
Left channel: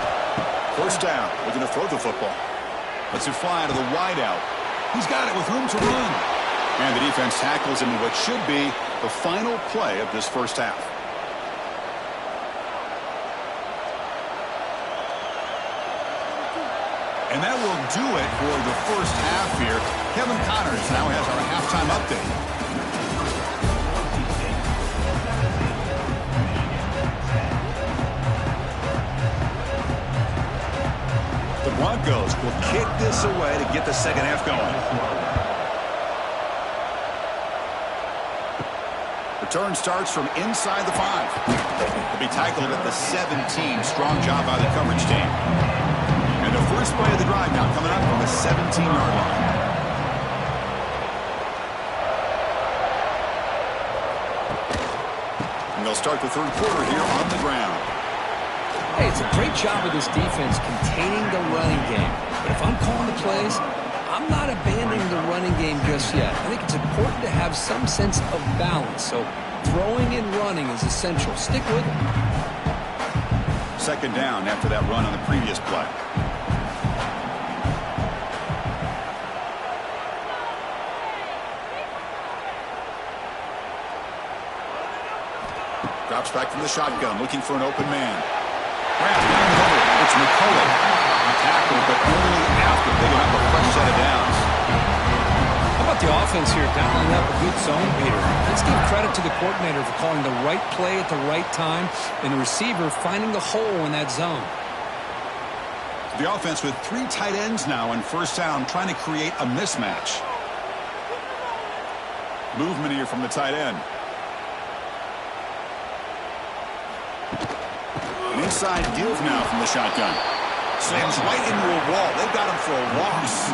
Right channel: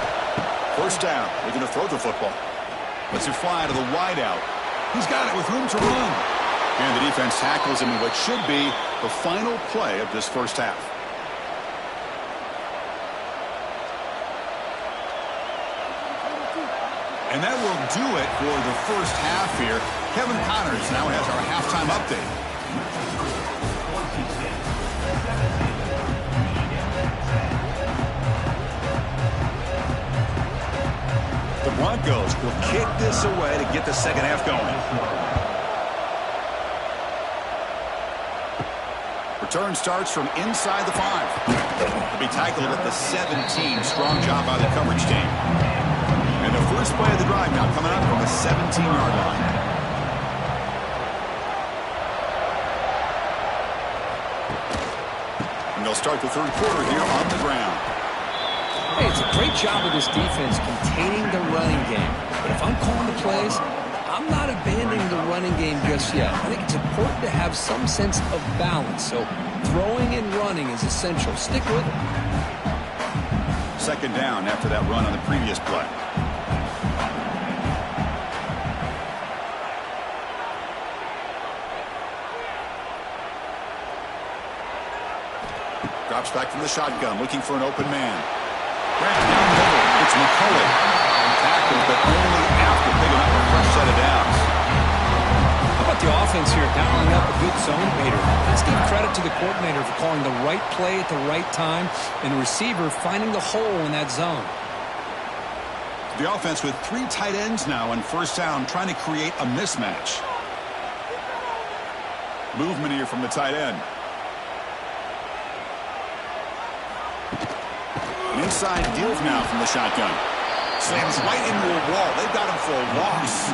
1st down. Looking to throw the football. Lets it fly to the wideout. He's got it with room to run. And the defense tackles him in what should be the final play of this 1st half. And that will do it for the 1st half here. Kevin Connors now has our halftime update. The Broncos will kick this away to get the 2nd half going. Return starts from inside the 5. They'll be tackled at the 17. Strong job by the coverage team. And the first play of the drive now coming up from the 17-yard line. And they'll start the 3rd quarter here on the ground. Hey, it's a great job of this defense containing the running game. But if I'm calling the plays, I'm not abandoning the running game just yet. I think it's important to have some sense of balance. So throwing and running is essential. Stick with it. 2nd down after that run on the previous play. Drops back from the shotgun, looking for an open man. Grab down the middle. It's McCullough. Tackled, but only after picking up a fresh set of downs. about the offense here, dialing up a good zone beater. Let's give credit to the coordinator for calling the right play at the right time and the receiver finding the hole in that zone. The offense with 3 tight ends now on first down, trying to create a mismatch. Movement here from the tight end. An inside deal now from the shotgun. Slams right into a wall. They've got him for a loss.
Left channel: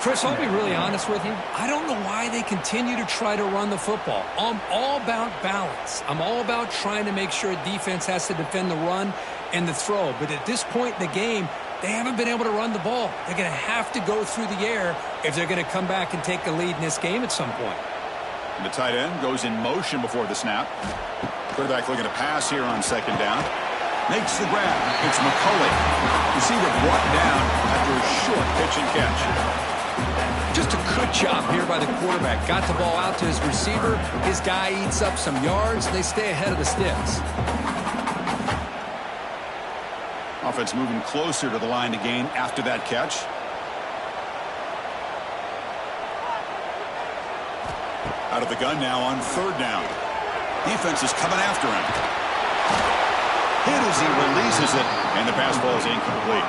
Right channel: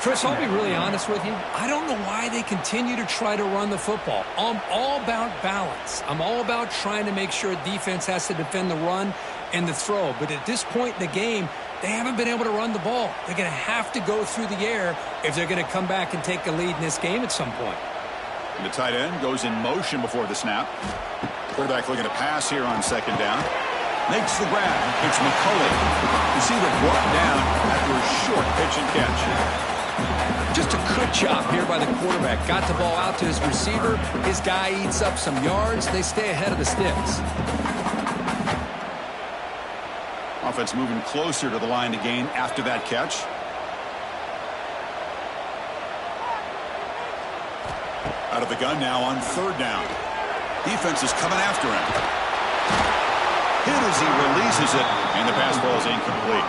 Chris, I'll be really honest with you. I don't know why they continue to try to run the football. I'm all about balance. I'm all about trying to make sure defense has to defend the run and the throw. But at this point in the game, they haven't been able to run the ball. They're going to have to go through the air if they're going to come back and take a lead in this game at some point. And the tight end goes in motion before the snap. Quarterback looking to pass here on second down. Makes the grab. It's McCulley. Receiver brought down after a short pitch and catch. Just a good job here by the quarterback. Got the ball out to his receiver. His guy eats up some yards. They stay ahead of the sticks. Offense moving closer to the line to gain after that catch. Out of the gun now on third down. Defense is coming after him. Hit as he releases it, and the pass ball is incomplete.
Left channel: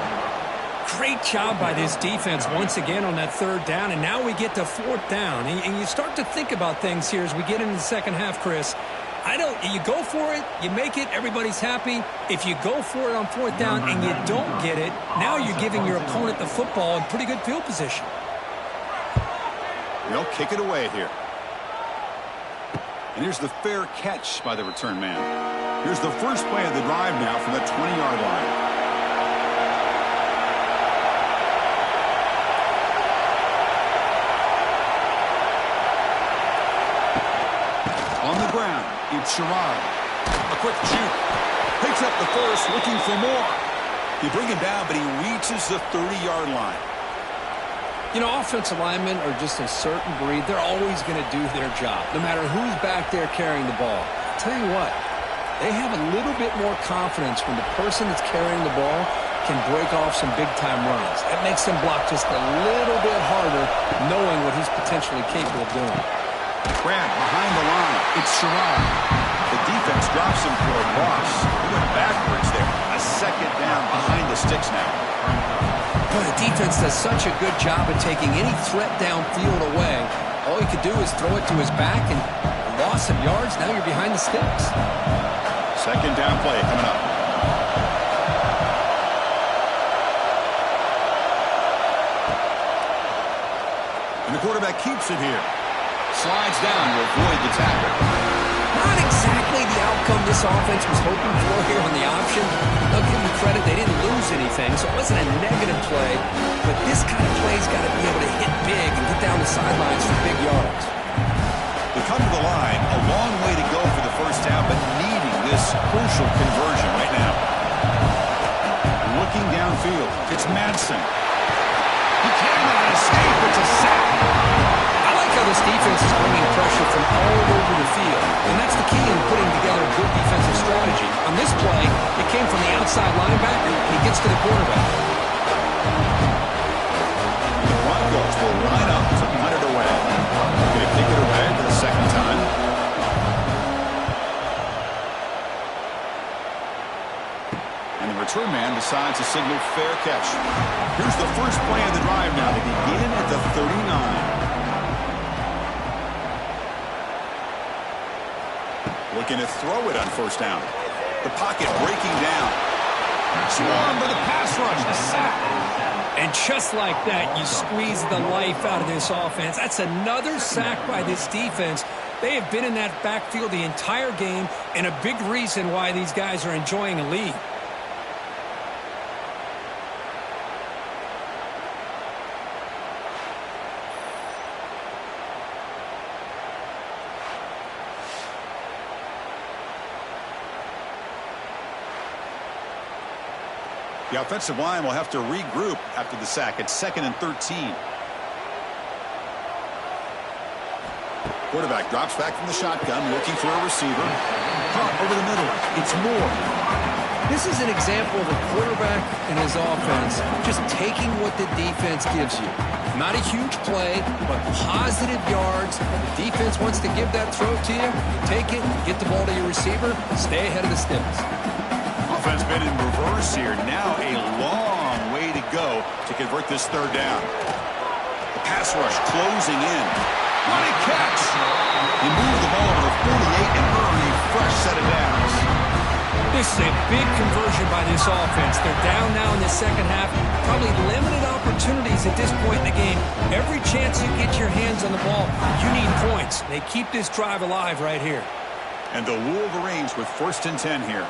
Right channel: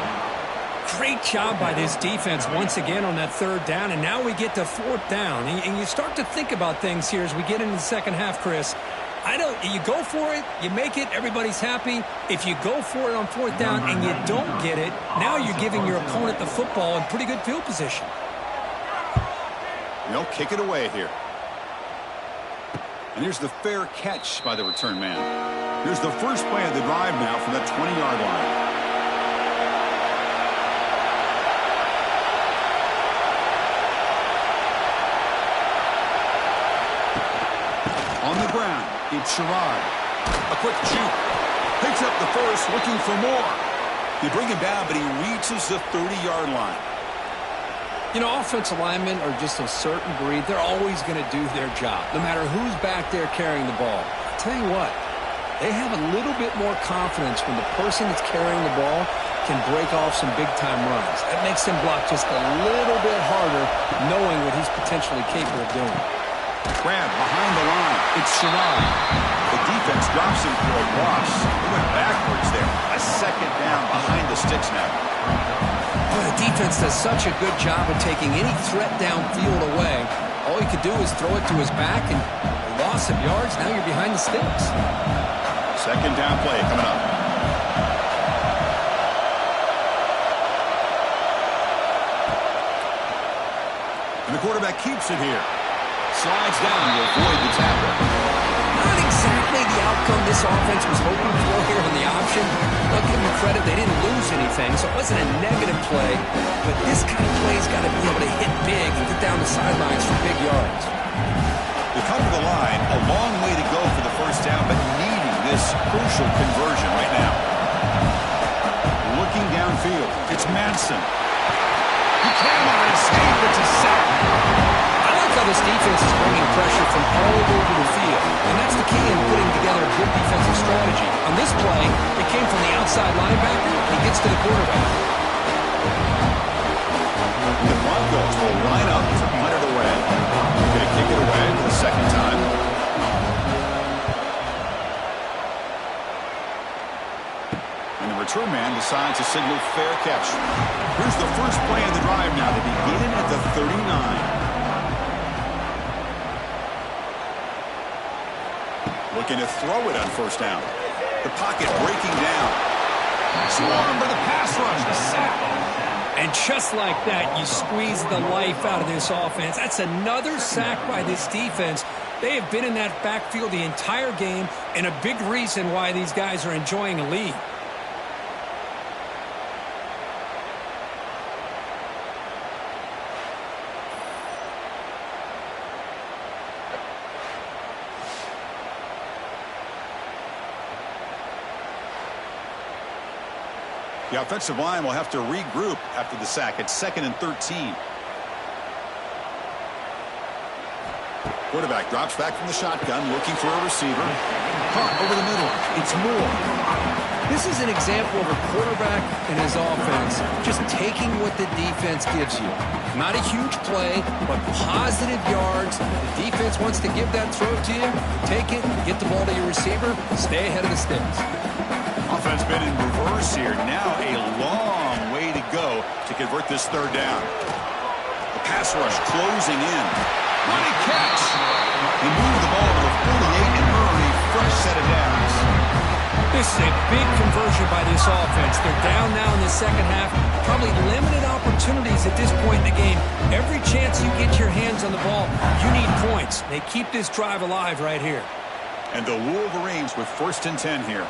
Great job by this defense once again on that third down, and now we get to fourth down. And you start to think about things here as we get into the second half, Chris. You go for it, you make it, everybody's happy. If you go for it on fourth down and you don't get it, now you're giving your opponent the football in pretty good field position. They'll kick it away here. And here's the fair catch by the return man. Here's the first play of the drive now from the 20-yard line. On the ground, it's Sherrod. A quick juke. Picks up the first, looking for more. They bring him down, but he reaches the 30-yard line. You know, offensive linemen are just a certain breed. They're always going to do their job, no matter who's back there carrying the ball. I'll tell you what, they have a little bit more confidence when the person that's carrying the ball can break off some big-time runs. That makes him block just a little bit harder, knowing what he's potentially capable of doing. Grab behind the line. It's Sherrod. The defense drops him for a loss. He went backwards there. A second down behind the sticks now. Boy, the defense does such a good job of taking any threat downfield away. All you could do is throw it to his back, and a loss of yards, now you're behind the sticks. Second down play coming up. And the quarterback keeps it here. Slides down to avoid the tackle. Not exactly the outcome this offense was hoping for here on the option. I'll give them credit, they didn't lose anything, so it wasn't a negative play. But this kind of play's got to be able to hit big and get down the sidelines for big yards. They come to the line, a long way to go for the first down, but needing this crucial conversion right now. Looking downfield, it's Madsen. He cannot escape, it's a sack. I like how this defense is bringing pressure from all over the field, and that's the key in putting together a good defensive strategy. On this play, it came from the outside linebacker, and he gets to the quarterback. And the Broncos will line up to punt it away. They're going to kick it away for the second time. And the return man decides to signal fair catch. Here's the first play of the drive now. They begin at the 39. Looking to throw it on first down. The pocket breaking down. Swarm for the pass rush. The sack. And just like that, you squeeze the life out of this offense. That's another sack by this defense. They have been in that backfield the entire game, and a big reason why these guys are enjoying a lead. The offensive line will have to regroup after the sack. It's 2nd and 13. Quarterback drops back from the shotgun, looking for a receiver. Caught over the middle. It's Moore. This is an example of a quarterback and his offense just taking what the defense gives you. Not a huge play, but positive yards. The defense wants to give that throw to you. Take it, get the ball to your receiver, stay ahead of the sticks. Offense been in reverse here. Now a long way to go to convert this third down. The pass rush closing in. Running catch. He moved the ball to the 48 and earned a fresh set of downs. This is a big conversion by this offense. They're down now in the second half. Probably limited opportunities at this point in the game. Every chance you get your hands on the ball, you need points. They keep this drive alive right here. And the Wolverines with 1st and 10 here.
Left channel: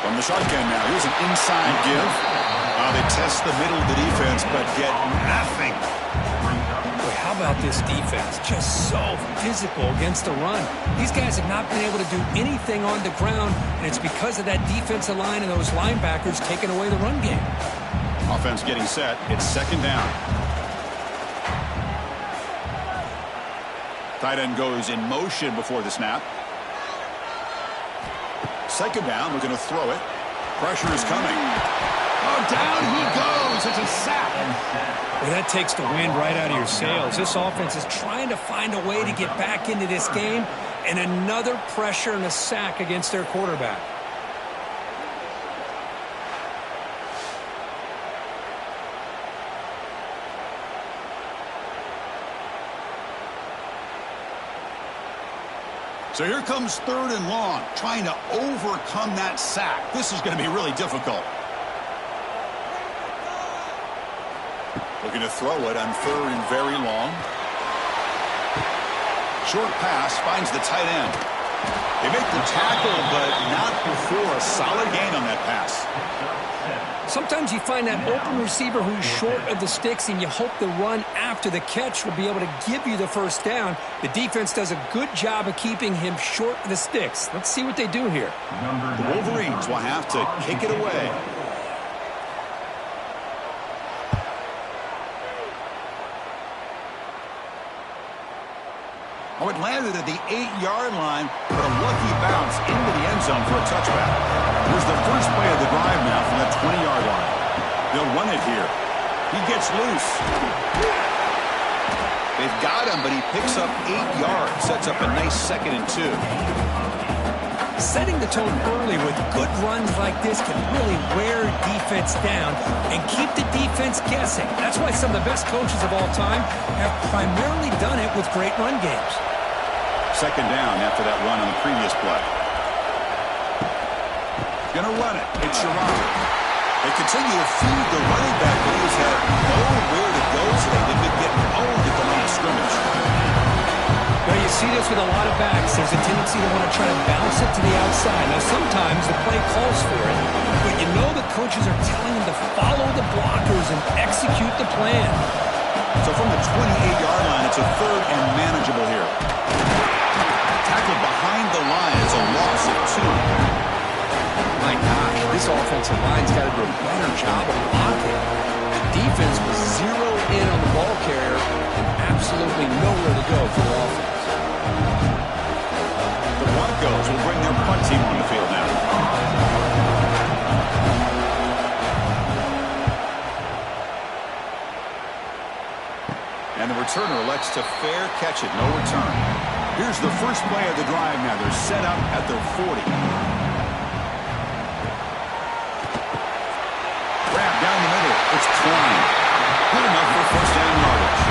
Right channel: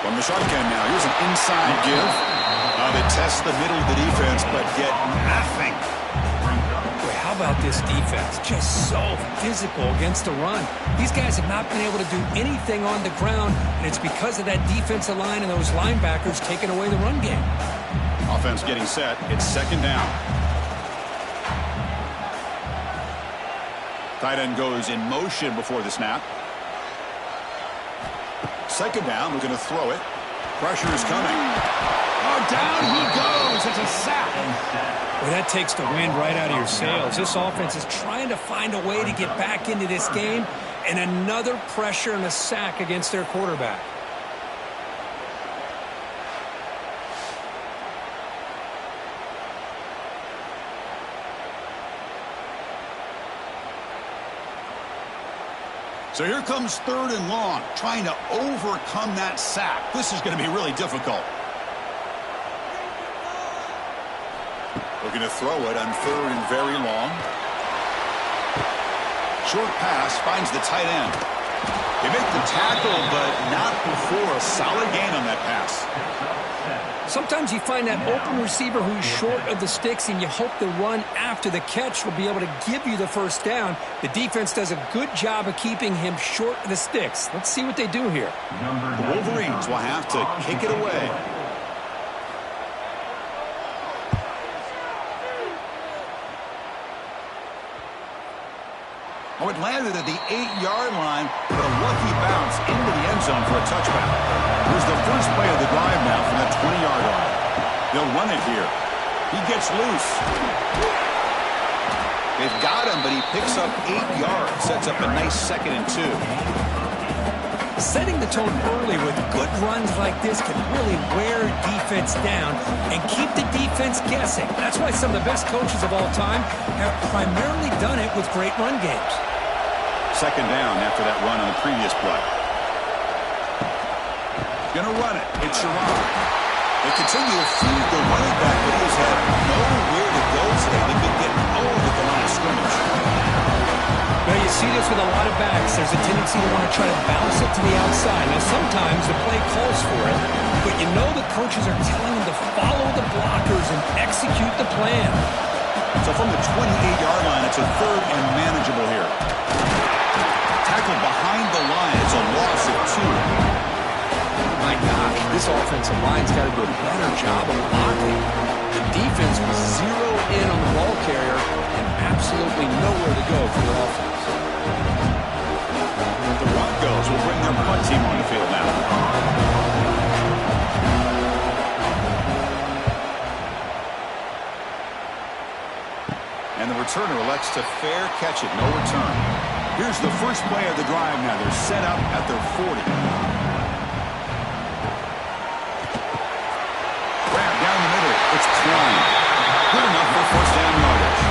From the shotgun now, here's an inside give. They test the middle of the defense, but get nothing. Boy, how about this defense? Just so physical against the run. These guys have not been able to do anything on the ground, and it's because of that defensive line and those linebackers taking away the run game. Offense getting set. It's 2nd down. Tight end goes in motion before the snap. 2nd down, looking to throw it. Pressure is coming. Oh, down he goes. It's a sack. Well, that takes the wind right out of your sails. This offense is trying to find a way to get back into this game, and another pressure and a sack against their quarterback. So here comes 3rd and long, trying to overcome that sack. This is going to be really difficult. Looking to throw it on 3rd and very long. Short pass finds the tight end. They make the tackle, but not before a solid gain on that pass. Sometimes you find that open receiver who's short of the sticks, and you hope the run after the catch will be able to give you the 1st down. The defense does a good job of keeping him short of the sticks. Let's see what they do here. The Wolverines will have to kick it away. Oh, it landed at the 8-yard line, but a lucky bounce into the end zone for a touchback. Here's the first play of the drive now from the 20-yard line. They'll run it here. He gets loose. They've got him, but he picks up 8 yards. Sets up a nice 2nd and 2. Setting the tone early with good runs like this can really wear defense down and keep the defense guessing. That's why some of the best coaches of all time have primarily done it with great run games. 2nd down after that run on the previous play. Gonna run it. It's Sharon. They continue to feed the running back, but he has had nowhere to go today. They've been getting owned at the line of scrimmage. Well, you see this with a lot of backs. There's a tendency to want to try to bounce it to the outside. Now, sometimes the play calls for it, but you know the coaches are telling them to follow the blockers and execute the plan. So from the 28-yard line, it's a 3rd and manageable here. Tackled behind the line. It's a loss of 2. My gosh, this offensive line's got to do a better job of blocking. The defense was zeroed in on the ball carrier and absolutely nowhere to go for the offense. The Broncos will bring their punt team on the field now. And the returner elects to fair catch it. No return. Here's the first play of the drive now. They're set up at their 40. Grab down the middle. It's Klein. Good enough for 1st down yardage.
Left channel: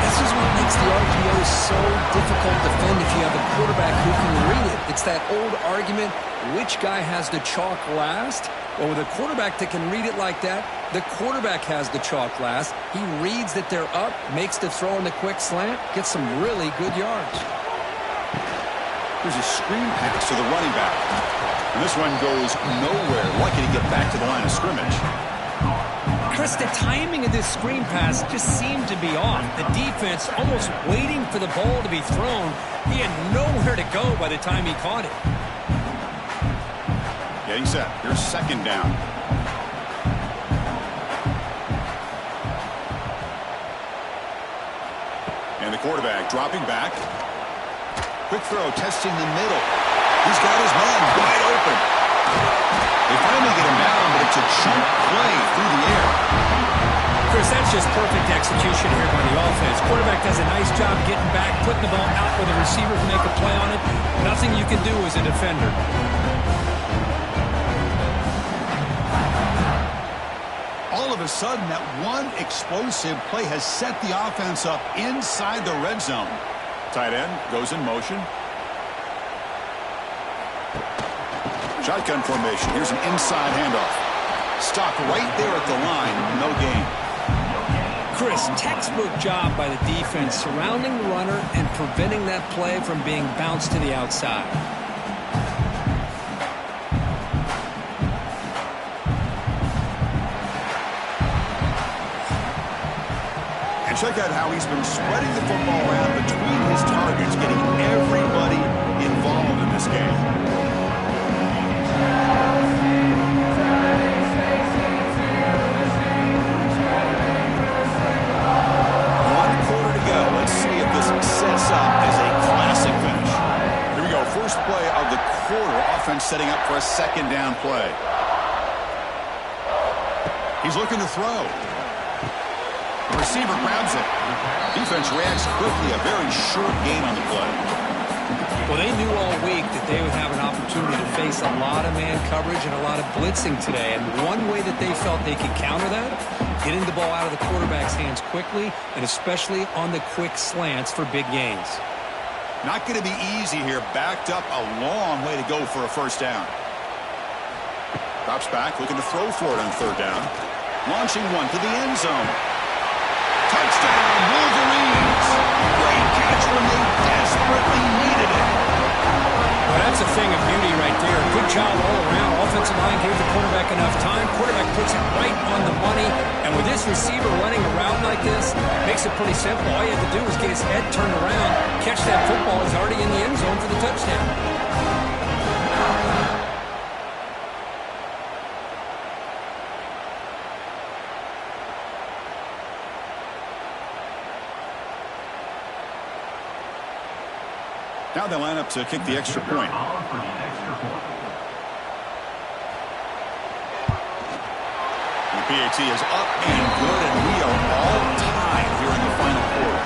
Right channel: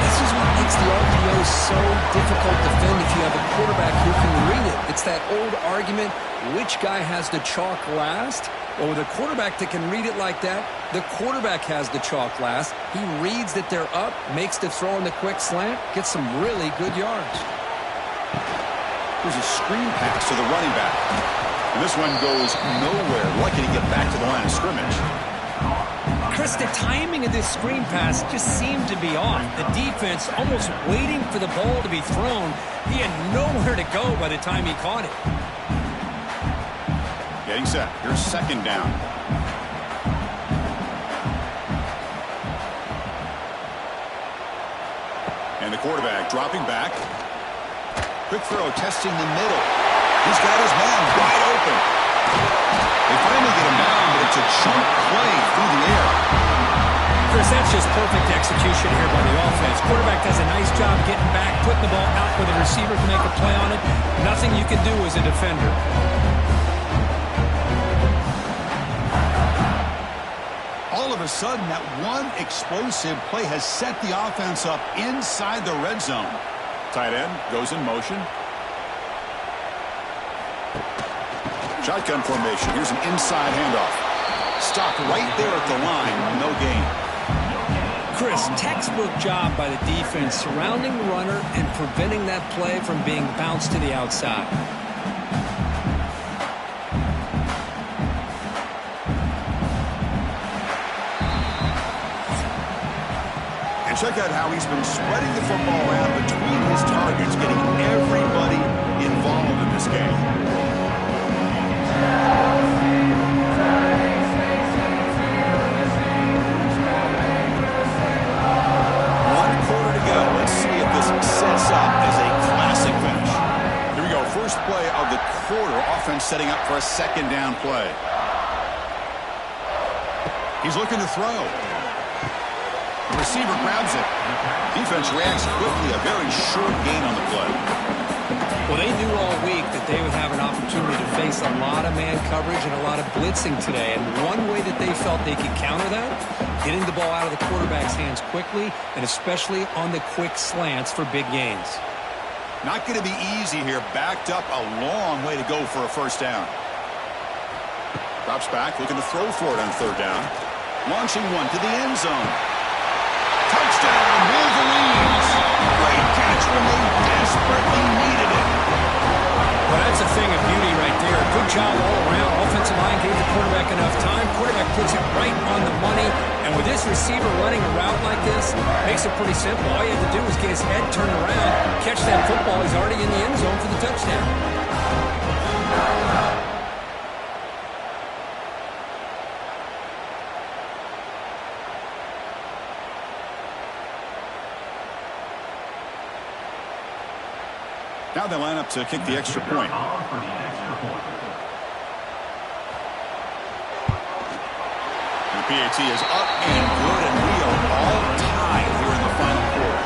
This is what makes the RPO so difficult to defend if you have a quarterback who can read it. It's that old argument, which guy has the chalk last? Well, with a quarterback that can read it like that, the quarterback has the chalk last. He reads that they're up, makes the throw in the quick slant, gets some really good yards. Here's a screen pass to the running back. And this one goes nowhere. Lucky to get back to the line of scrimmage. Chris, the timing of this screen pass just seemed to be off. The defense almost waiting for the ball to be thrown. He had nowhere to go by the time he caught it. Getting set. Here's 2nd down. And the quarterback dropping back. Quick throw testing the middle. He's got his man wide open. They finally get him down, but it's a chunk play through the air. Chris, that's just perfect execution here by the offense. Quarterback does a nice job getting back, putting the ball out where the receiver can make a play on it. Nothing you can do as a defender. All of a sudden, that one explosive play has set the offense up inside the red zone. Tight end goes in motion. Shotgun formation. Here's an inside handoff. Stopped right there at the line. No gain. Chris, textbook job by the defense surrounding the runner and preventing that play from being bounced to the outside. And check out how he's been spreading the football around between his targets, getting everybody involved in this game. Sets up as a classic finish. Here we go. First play of the quarter. Offense setting up for a second down play. He's looking to throw. The receiver grabs it. Defense reacts quickly. A very short gain on the play. Well, they knew all week that they would have an opportunity to face a lot of man coverage and a lot of blitzing today. And one way that they felt they could counter that, getting the ball out of the quarterback's hands quickly, and especially on the quick slants for big gains. Not going to be easy here. Backed up a long way to go for a first down. Drops back, looking to throw for it on third down. Launching one to the end zone. Touchdown, Wolverines! Great catch when they desperately needed it. Well, that's a thing of beauty right there. Good job all around. Offensive line gave the quarterback enough time. Quarterback puts it right on the money. And with this receiver running a route like this, makes it pretty simple. All you have to do is get his head turned around, catch that football. He's already in the end zone for the touchdown. Now they line up to kick the extra point. The PAT is up and good, and we are all tied here in the final quarter.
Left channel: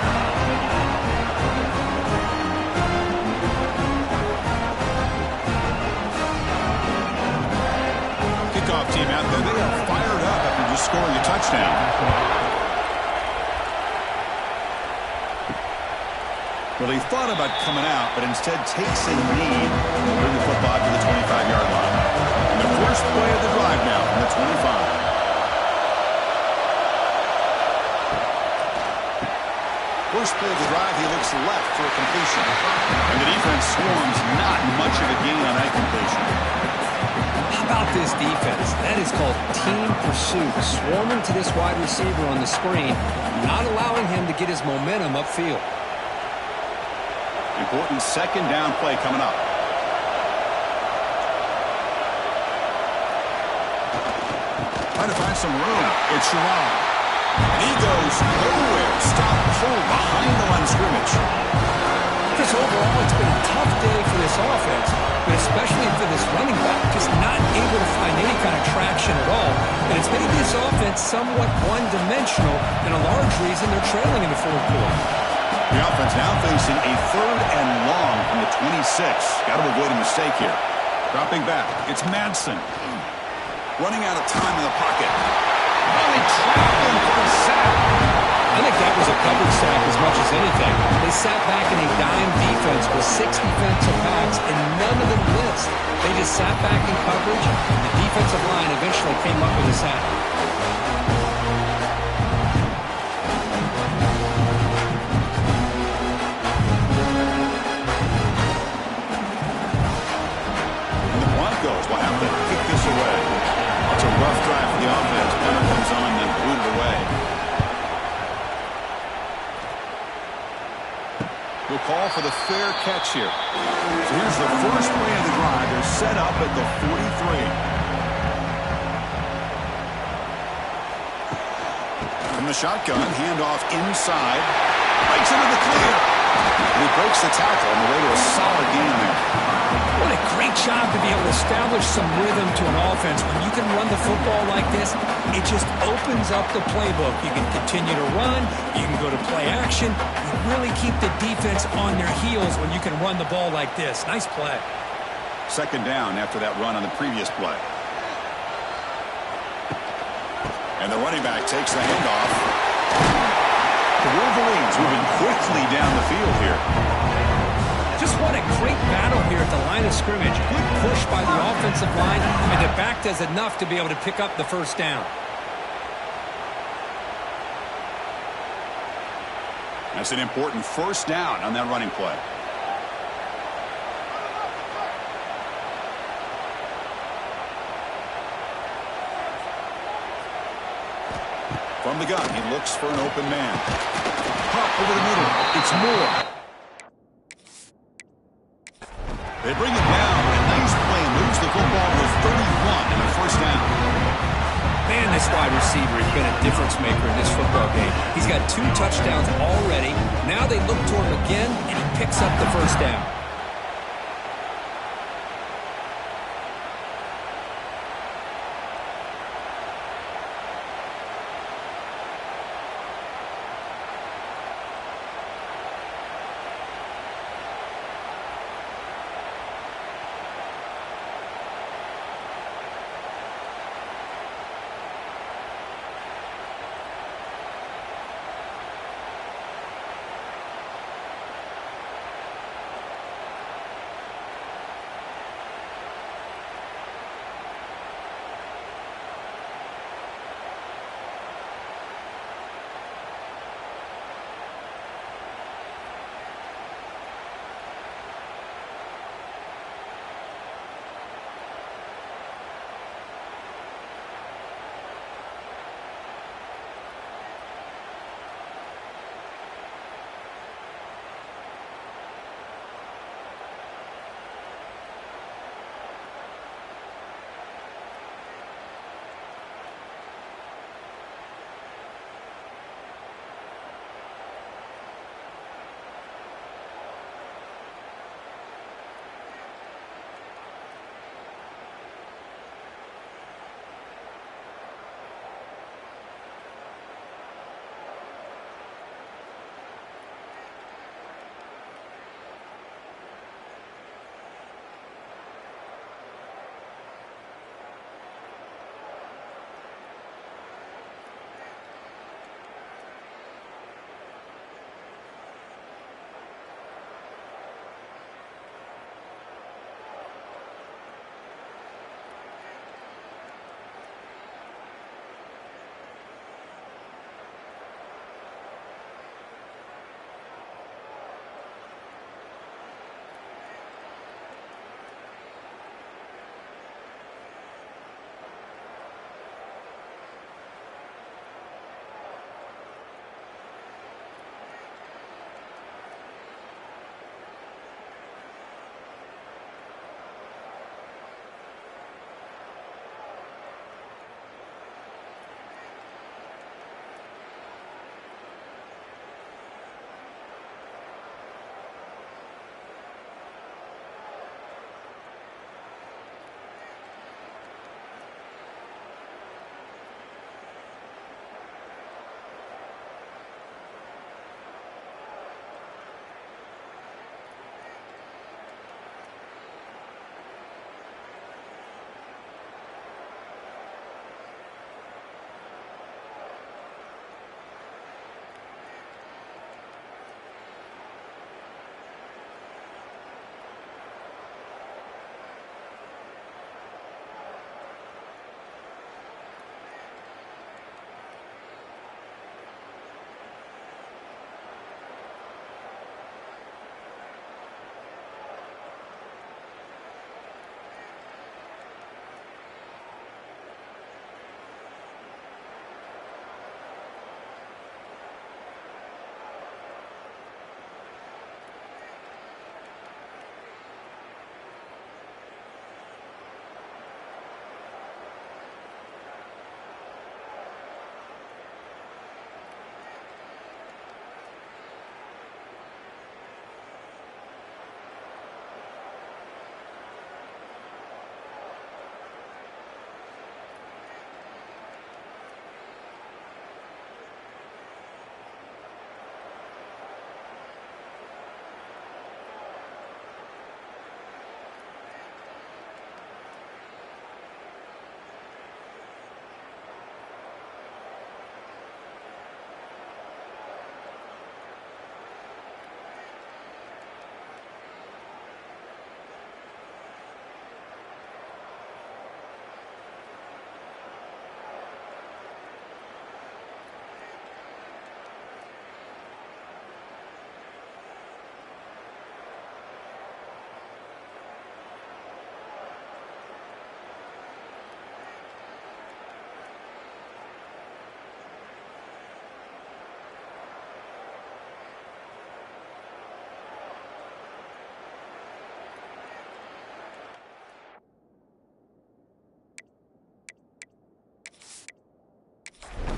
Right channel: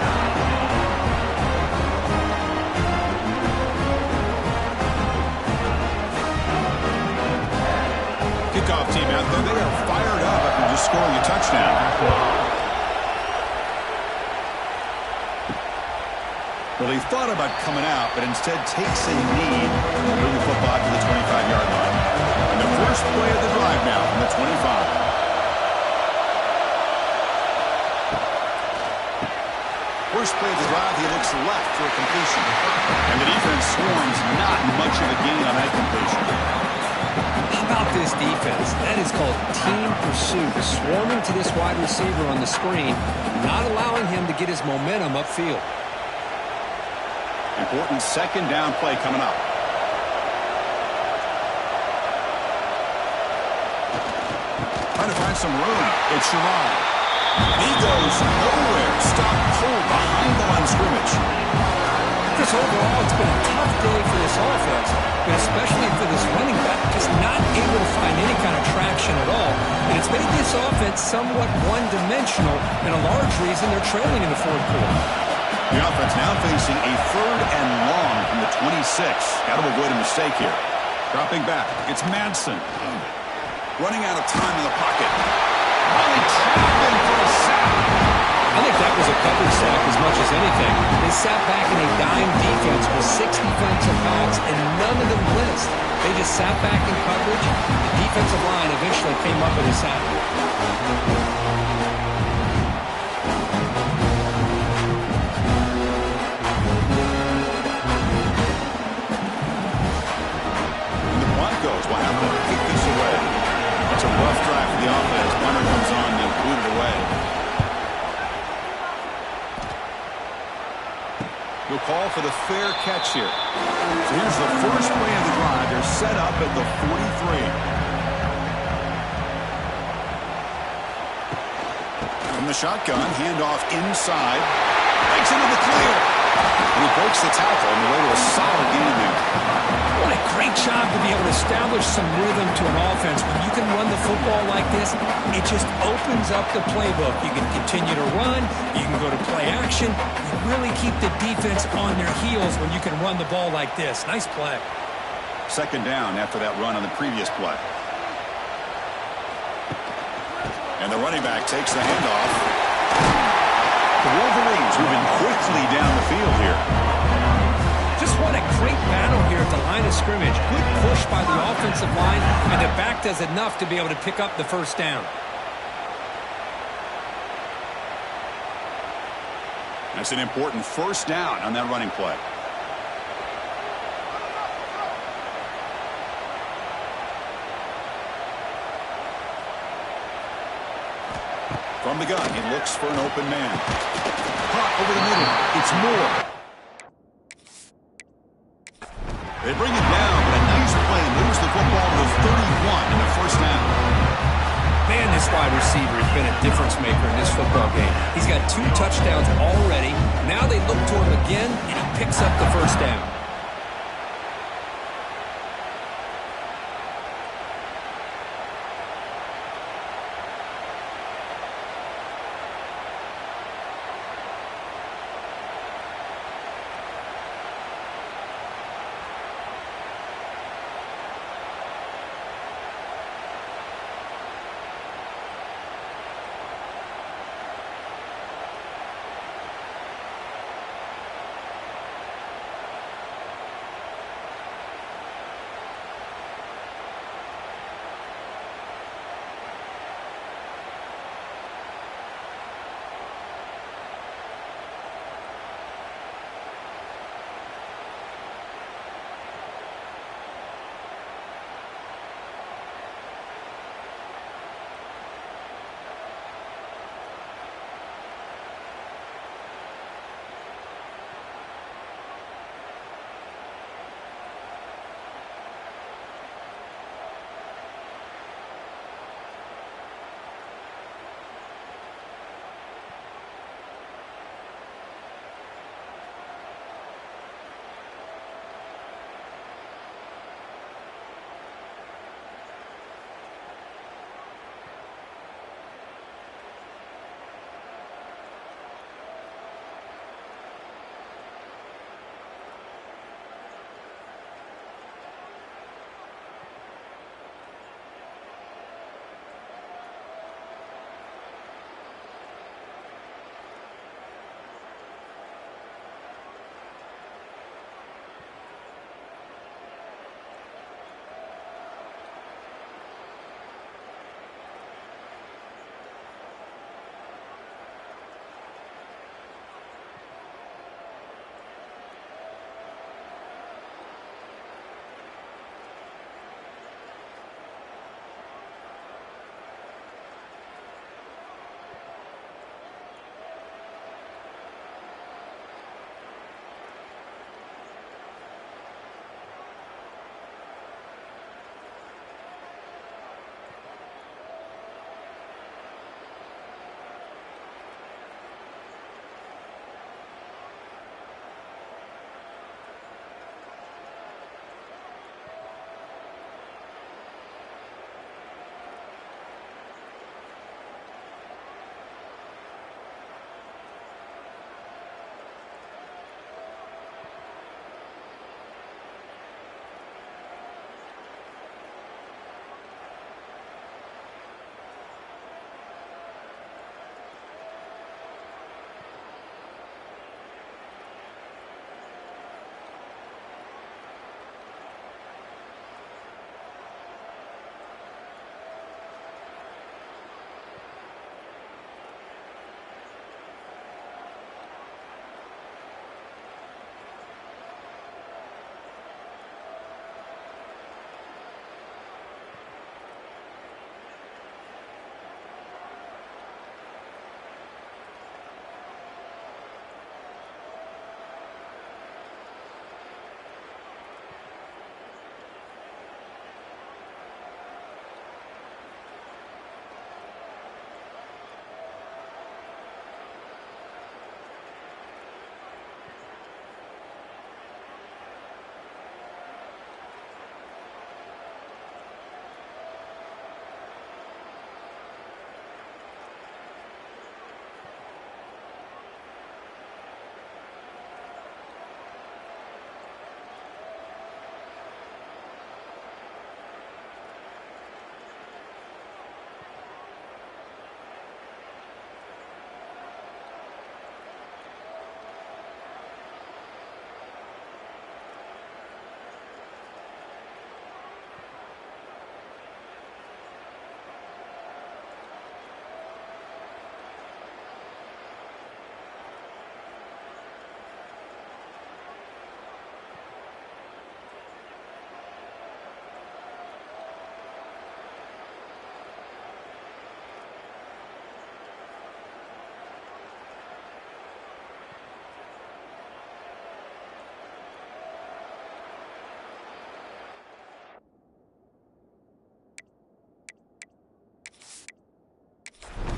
Kickoff team out there. They are fired up after just scoring a touchdown. Well, he thought about coming out, but instead takes a knee and bring the football to the 25-yard line. And the first play of the drive now from the 25. First play of the drive, he looks left for a completion. And the defense swarms, not much of a gain on that completion. How about this defense? That is called team pursuit. Swarming to this wide receiver on the screen, not allowing him to get his momentum upfield. Important second down play coming up. Trying to find some room. It's Sherrod. And he goes nowhere. Stop cold behind the line of scrimmage. Chris, overall, it's been a tough day for this offense, but especially for this running back, just not able to find any kind of traction at all. And it's made this offense somewhat one-dimensional, and a large reason they're trailing in the fourth quarter. The offense now facing a third and long from the 26. Got to avoid a mistake here. Dropping back. It's Madsen. Running out of time in the pocket. Finally trapped him for a sack. I think that was a coverage sack as much as anything. They sat back in a dime defense with 6 defensive backs, and none of them blitzed. They just sat back in coverage. The defensive line eventually came up with a sack. Will have to kick this away. It's a rough drive for the offense. Punter comes on and booted away. We'll call for the fair catch here. So here's the first play of the drive. They're set up at the 43. From the shotgun, handoff inside. Breaks into the clear. And he breaks the tackle on the way to a solid gain there. What a great job to be able to establish some rhythm to an offense. When you can run the football like this, it just opens up the playbook. You can continue to run. You can go to play action. You really keep the defense on their heels when you can run the ball like this. Nice play. Second down after that run on the previous play. And the running back takes the handoff. The Wolverines moving quickly down the field here. Just what a great battle here at the line of scrimmage. Good push by the offensive line, and the back does enough to be able to pick up the first down. That's an important first down on that running play. From the gun, he looks for an open man. Hot over the middle. It's Moore. They bring him down, but a nice play moves the football to the 31 and a first down. Man, this wide receiver has been a difference maker in this football game. He's got 2 touchdowns already. Now they look to him again, and he picks up the first down.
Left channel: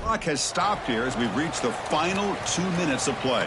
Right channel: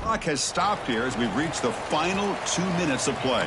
Clock has stopped here as we've reached the final 2 minutes of play.